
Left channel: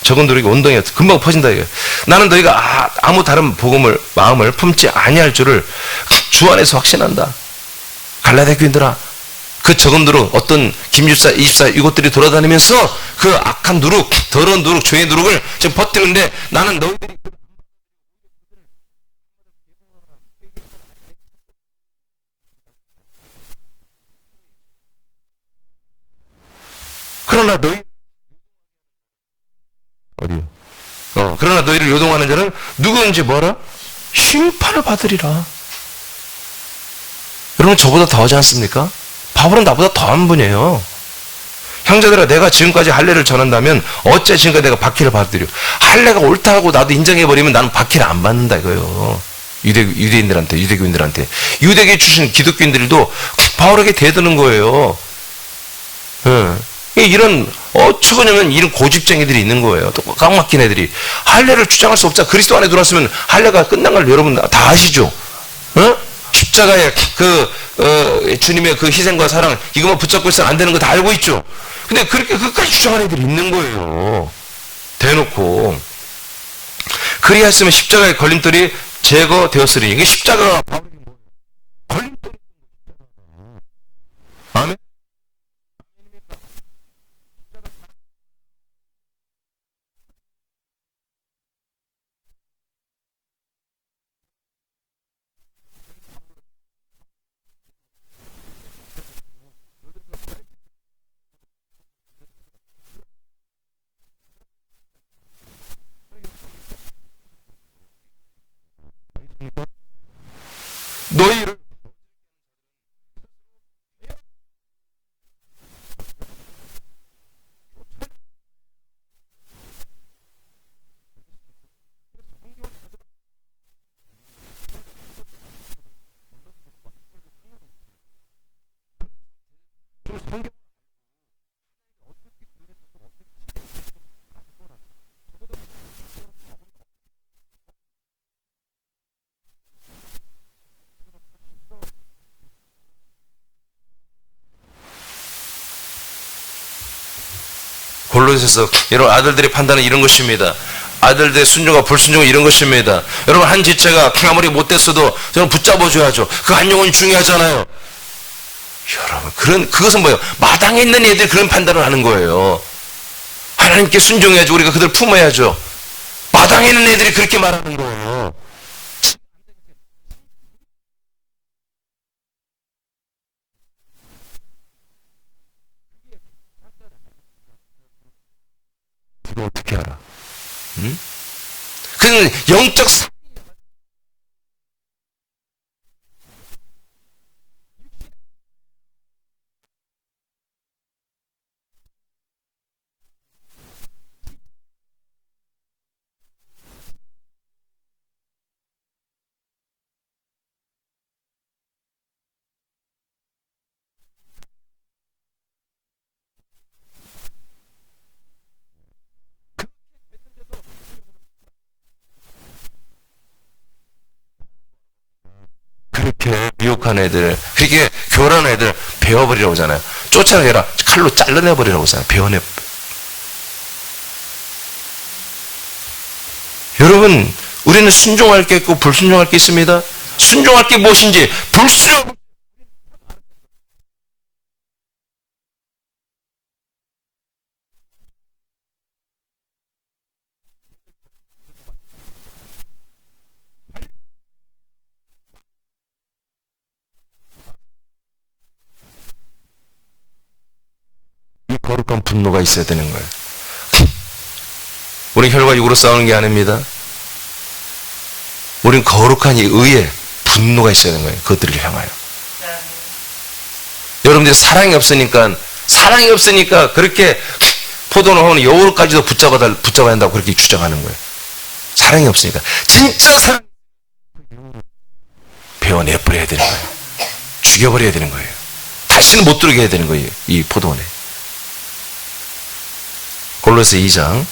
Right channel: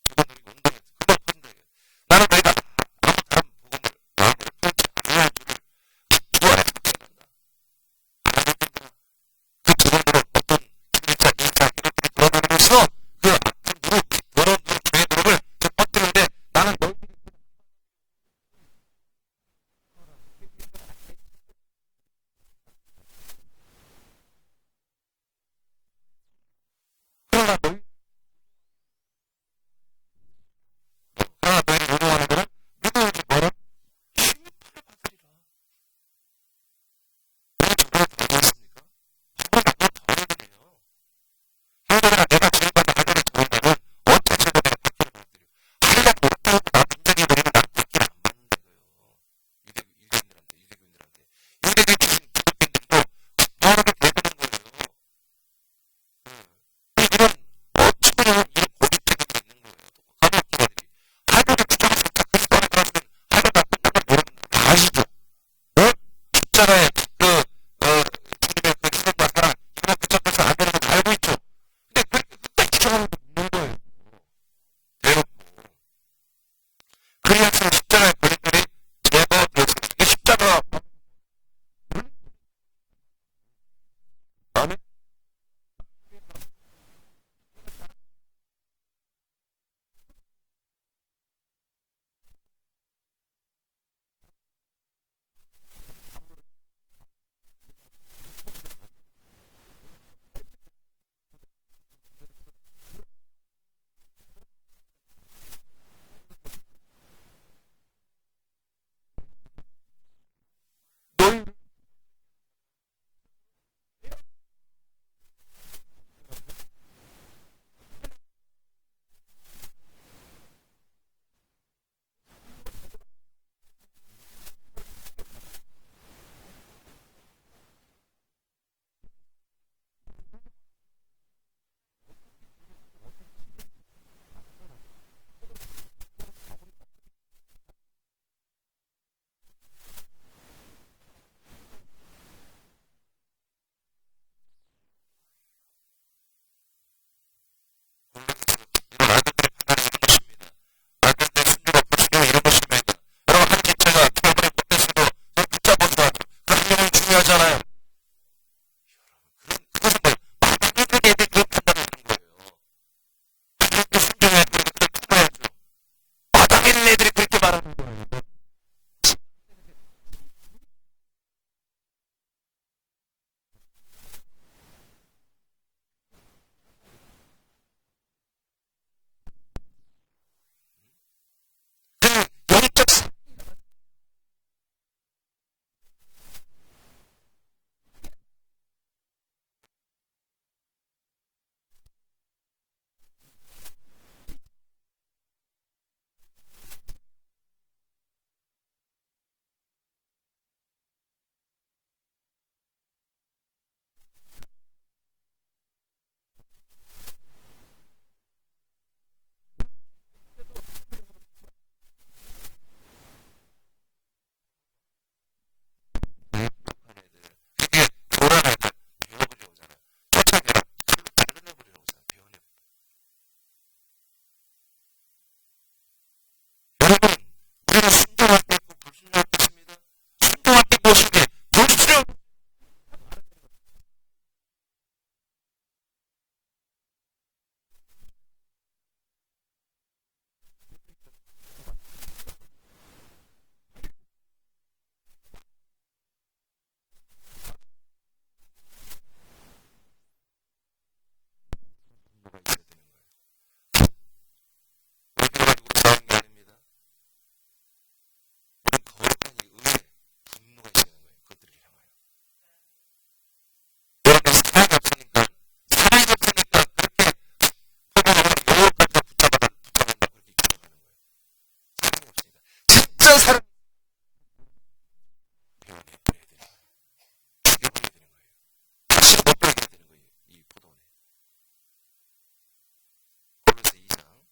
적은 누룩이 온 동에 금방 퍼진다 이거예요. 나는 너희가 아무 다른 마음을 품지 아니할 줄을 주 안에서 확신한다. 갈라디아 교인들아, 그 적은 누룩, 어떤 김집사, 이집사 이것들이 돌아다니면서 그 악한 누룩, 더러운 누룩, 죄의 누룩을 지금 퍼뜨리는데 나는 너희들이 그러나 그러나 너희를 요동하는 자는 누구인지 뭐라? 심판을 받으리라. 여러분 저보다 더하지 않습니까? 바울은 나보다 더한 분이에요. 형제들아, 내가 지금까지 할례를 전한다면 어째 지금까지 내가 박해를 받으려? 할례가 옳다 하고 나도 인정해버리면 나는 박해를 안 받는다 이거예요. 유대인들한테, 유대교인들한테. 유대교에 출신 기독교인들도 바울에게 대드는 거예요. 이런 어처구니없는 이런 고집쟁이들이 있는 거예요. 또 꽉 막힌 애들이. 할례를 주장할 수 없자. 그리스도 안에 들어왔으면 할례가 끝난 걸 여러분 다 아시죠? 십자가의 주님의 그 희생과 사랑, 이것만 붙잡고 있어는 안 되는 거 다 알고 있죠? 근데 그렇게 끝까지 주장하는 애들이 있는 거예요. 대놓고. 그리하였으면 십자가의 걸림돌이 제거되었으리니. 이게 십자가가 걸림돌. 아멘. 너희를 골로새서 여러분 아들들의 판단은 이런 것입니다. 아들들의 순종과 불순종은 이런 것입니다. 여러분 한 지체가 아무리 못됐어도 저는 붙잡아줘야죠. 그 한 영혼이 중요하잖아요. 여러분 그것은 뭐예요? 마당에 있는 애들이 그런 판단을 하는 거예요. 하나님께 순종해야죠. 우리가 그들 품어야죠. 마당에 있는 애들이 그렇게 말하는 거예요. 이거 어떻게 알아? 응? 그는 영적 그렇게 미혹한 애들, 그렇게 교란한 애들 베어버리라고 하잖아요. 쫓아내라. 칼로 잘라내버리라고 하잖아요. 베어내. 여러분, 우리는 순종할 게 있고 불순종할 게 있습니다. 순종할 게 무엇인지, 불순종. 이 거룩한 분노가 있어야 되는 거예요. 우리는 혈과 육으로 싸우는 게 아닙니다. 우리는 거룩한 이 의에 분노가 있어야 되는 거예요. 그것들을 향하여. 여러분들이 사랑이 없으니까 그렇게 포도는 하면 여우까지도 붙잡아야 한다고 그렇게 주장하는 거예요. 사랑이 없으니까. 진짜 사랑 베어내버려야 되는 거예요. 죽여버려야 되는 거예요. 다시는 못 들어오게 해야 되는 거예요. 이 포도원에. 골로새 2장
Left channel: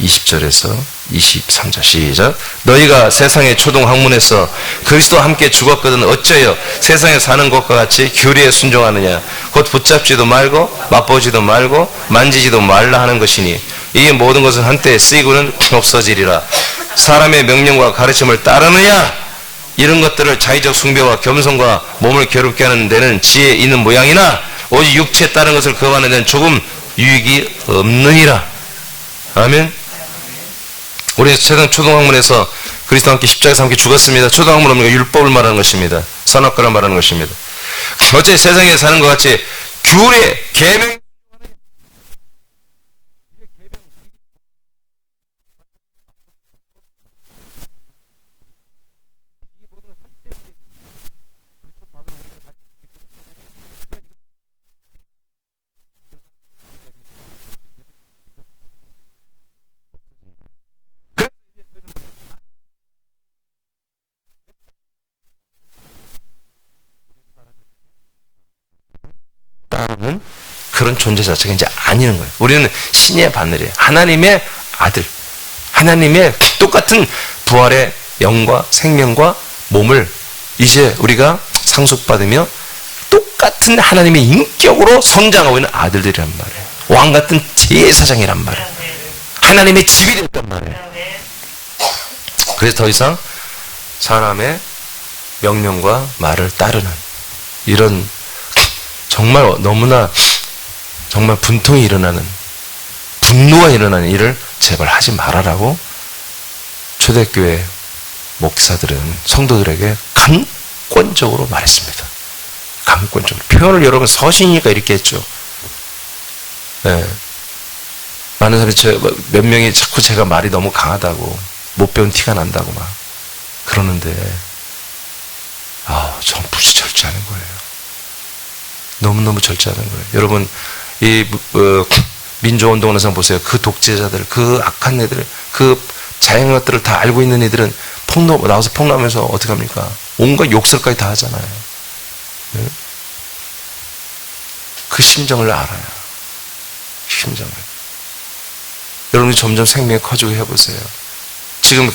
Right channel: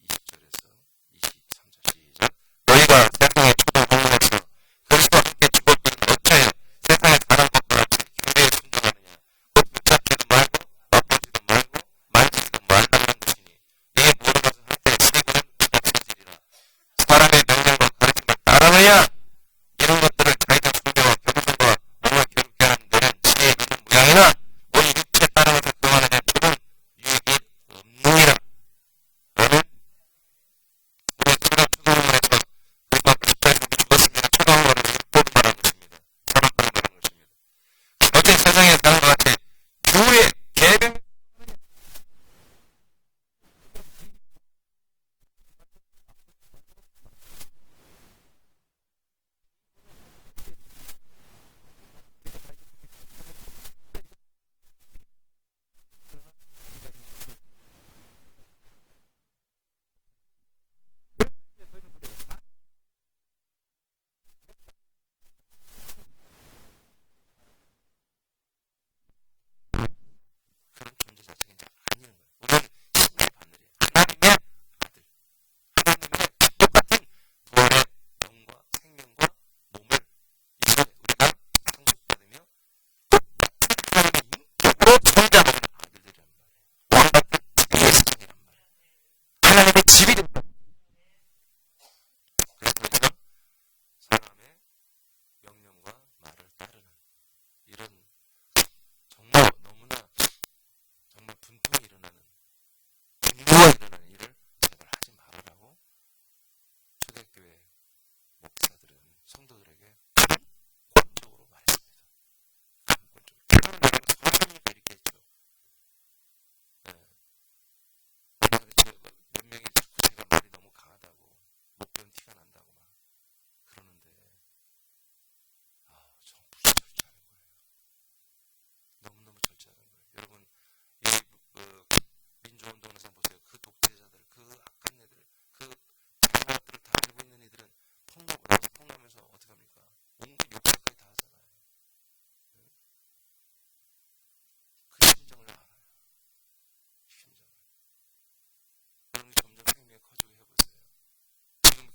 20절에서 23절 시작. 너희가 세상의 초동학문에서 그리스도와 함께 죽었거든 어쩌여 세상에 사는 것과 같이 규례에 순종하느냐. 곧 붙잡지도 말고 맛보지도 말고 만지지도 말라 하는 것이니 이 모든 것은 한때 쓰이고는 없어지리라. 사람의 명령과 가르침을 따르느냐. 이런 것들을 자의적 숭배와 겸손과 몸을 괴롭게 하는 데는 지혜 있는 모양이나 오직 육체에 따른 것을 금하는 데는 조금 유익이 없느니라. 아멘. 우리 세상 초동학문에서 그리스도와 함께 십자가에서 함께 죽었습니다. 초동학문 없는 거 율법을 말하는 것입니다. 선악과를 말하는 것입니다. 어째 세상에 사는 것 같이 규례, 계명 따르는 그런 존재 자체가 이제 아니는 거예요. 우리는 신의 바늘이에요. 하나님의 아들, 하나님의 똑같은 부활의 영과 생명과 몸을 이제 우리가 상속받으며 똑같은 하나님의 인격으로 성장하고 있는 아들들이란 말이에요. 왕 같은 제사장이란 말이에요. 하나님의 집이 됐단 말이에요. 그래서 더 이상 사람의 명령과 말을 따르는 이런 정말 너무나 정말 분통이 일어나는 분노가 일어나는 일을 제발 하지 말아라고 초대교회 목사들은 성도들에게 강권적으로 말했습니다. 강권적으로. 표현을 여러분 서신이니까 이렇게 했죠. 네. 많은 사람이 몇 명이 자꾸 제가 말이 너무 강하다고 못 배운 티가 난다고 막 그러는데 전 무지 절제하는 거예요. 너무너무 절제하는 거예요. 여러분 이 민주운동을 항상 보세요. 그 독재자들, 그 악한 애들, 그 자행한 것들을 다 알고 있는 애들은 나와서 폭로하면서 어떻게 합니까? 온갖 욕설까지 다 하잖아요. 네? 그 심정을 알아요. 심정을. 여러분이 점점 생명이 커지고 해보세요. 지금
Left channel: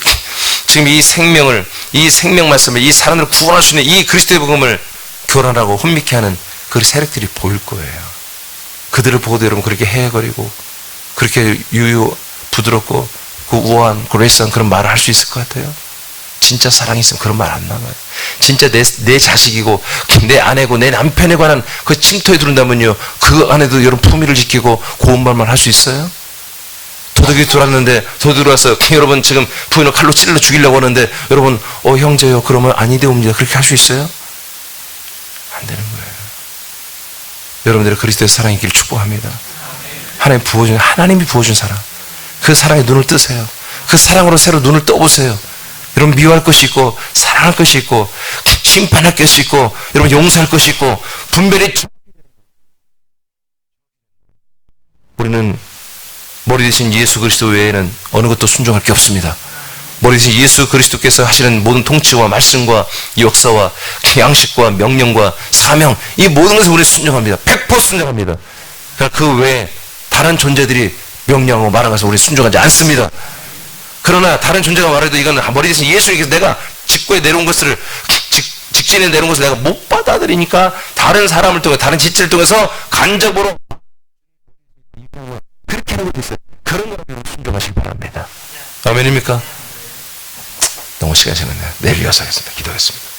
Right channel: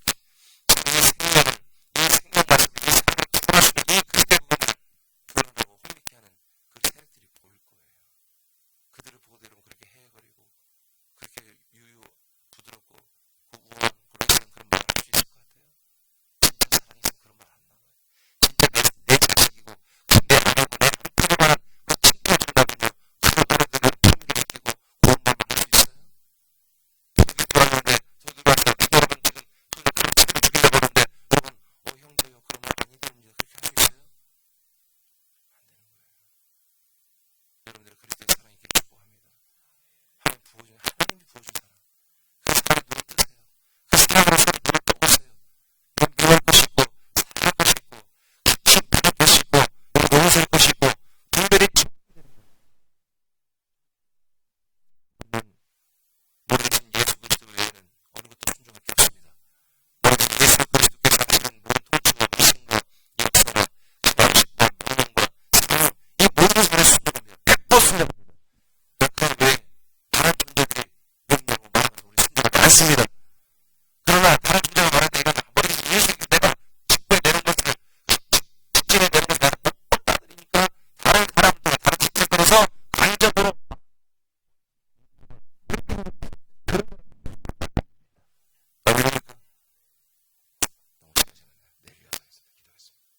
이 생명 말씀을, 이 사람들을 구원할 수 있는 이 그리스도의 복음을 교란하고 혼미케 하는 그 세력들이 보일 거예요. 그들을 보고도 여러분 그렇게 헤헤거리고 그렇게 부드럽고 그 우아한 그레이스한 그런 말을 할 수 있을 것 같아요? 진짜 사랑이 있으면 그런 말 안 나와요. 진짜 내 자식이고 내 아내고 내 남편에 관한 그 침토에 들은다면요, 그 안에도 여러분 품위를 지키고 고운 말만 할 수 있어요? 도둑이 들어왔는데 도둑이 들어와서 여러분 지금 부인을 칼로 찔러 죽이려고 하는데 여러분 형제요 그러면 아니되옵니다 그렇게 할 수 있어요? 안 되는 거예요. 여러분들의 그리스도의 사랑이 있기를 축복합니다. 하나님이 부어준 사랑, 그 사랑에 눈을 뜨세요. 그 사랑으로 새로 눈을 떠보세요. 여러분 미워할 것이 있고 사랑할 것이 있고 심판할 것이 있고 여러분 용서할 것이 있고 분별이. 우리는 머리 대신 예수 그리스도 외에는 어느 것도 순종할 게 없습니다. 머리 대신 예수 그리스도께서 하시는 모든 통치와 말씀과 역사와 양식과 명령과 사명, 이 모든 것을 우리는 순종합니다. 100% 순종합니다. 그러나 그 외에 다른 존재들이 명령하고 말하면서 우리는 순종하지 않습니다. 그러나 다른 존재가 말해도 이건 머리 대신 예수님께서 내가 직구에 내려온 것을 직진에 내려온 것을 내가 못 받아들이니까 다른 사람을 통해 다른 지체를 통해서 간접으로 그렇게 하는 것도 있어요. 그런 거라면 순종하시기 바랍니다. 아멘입니까? 너무 시간이 지났네요. 내일 이어서 하겠습니다. 기도하겠습니다.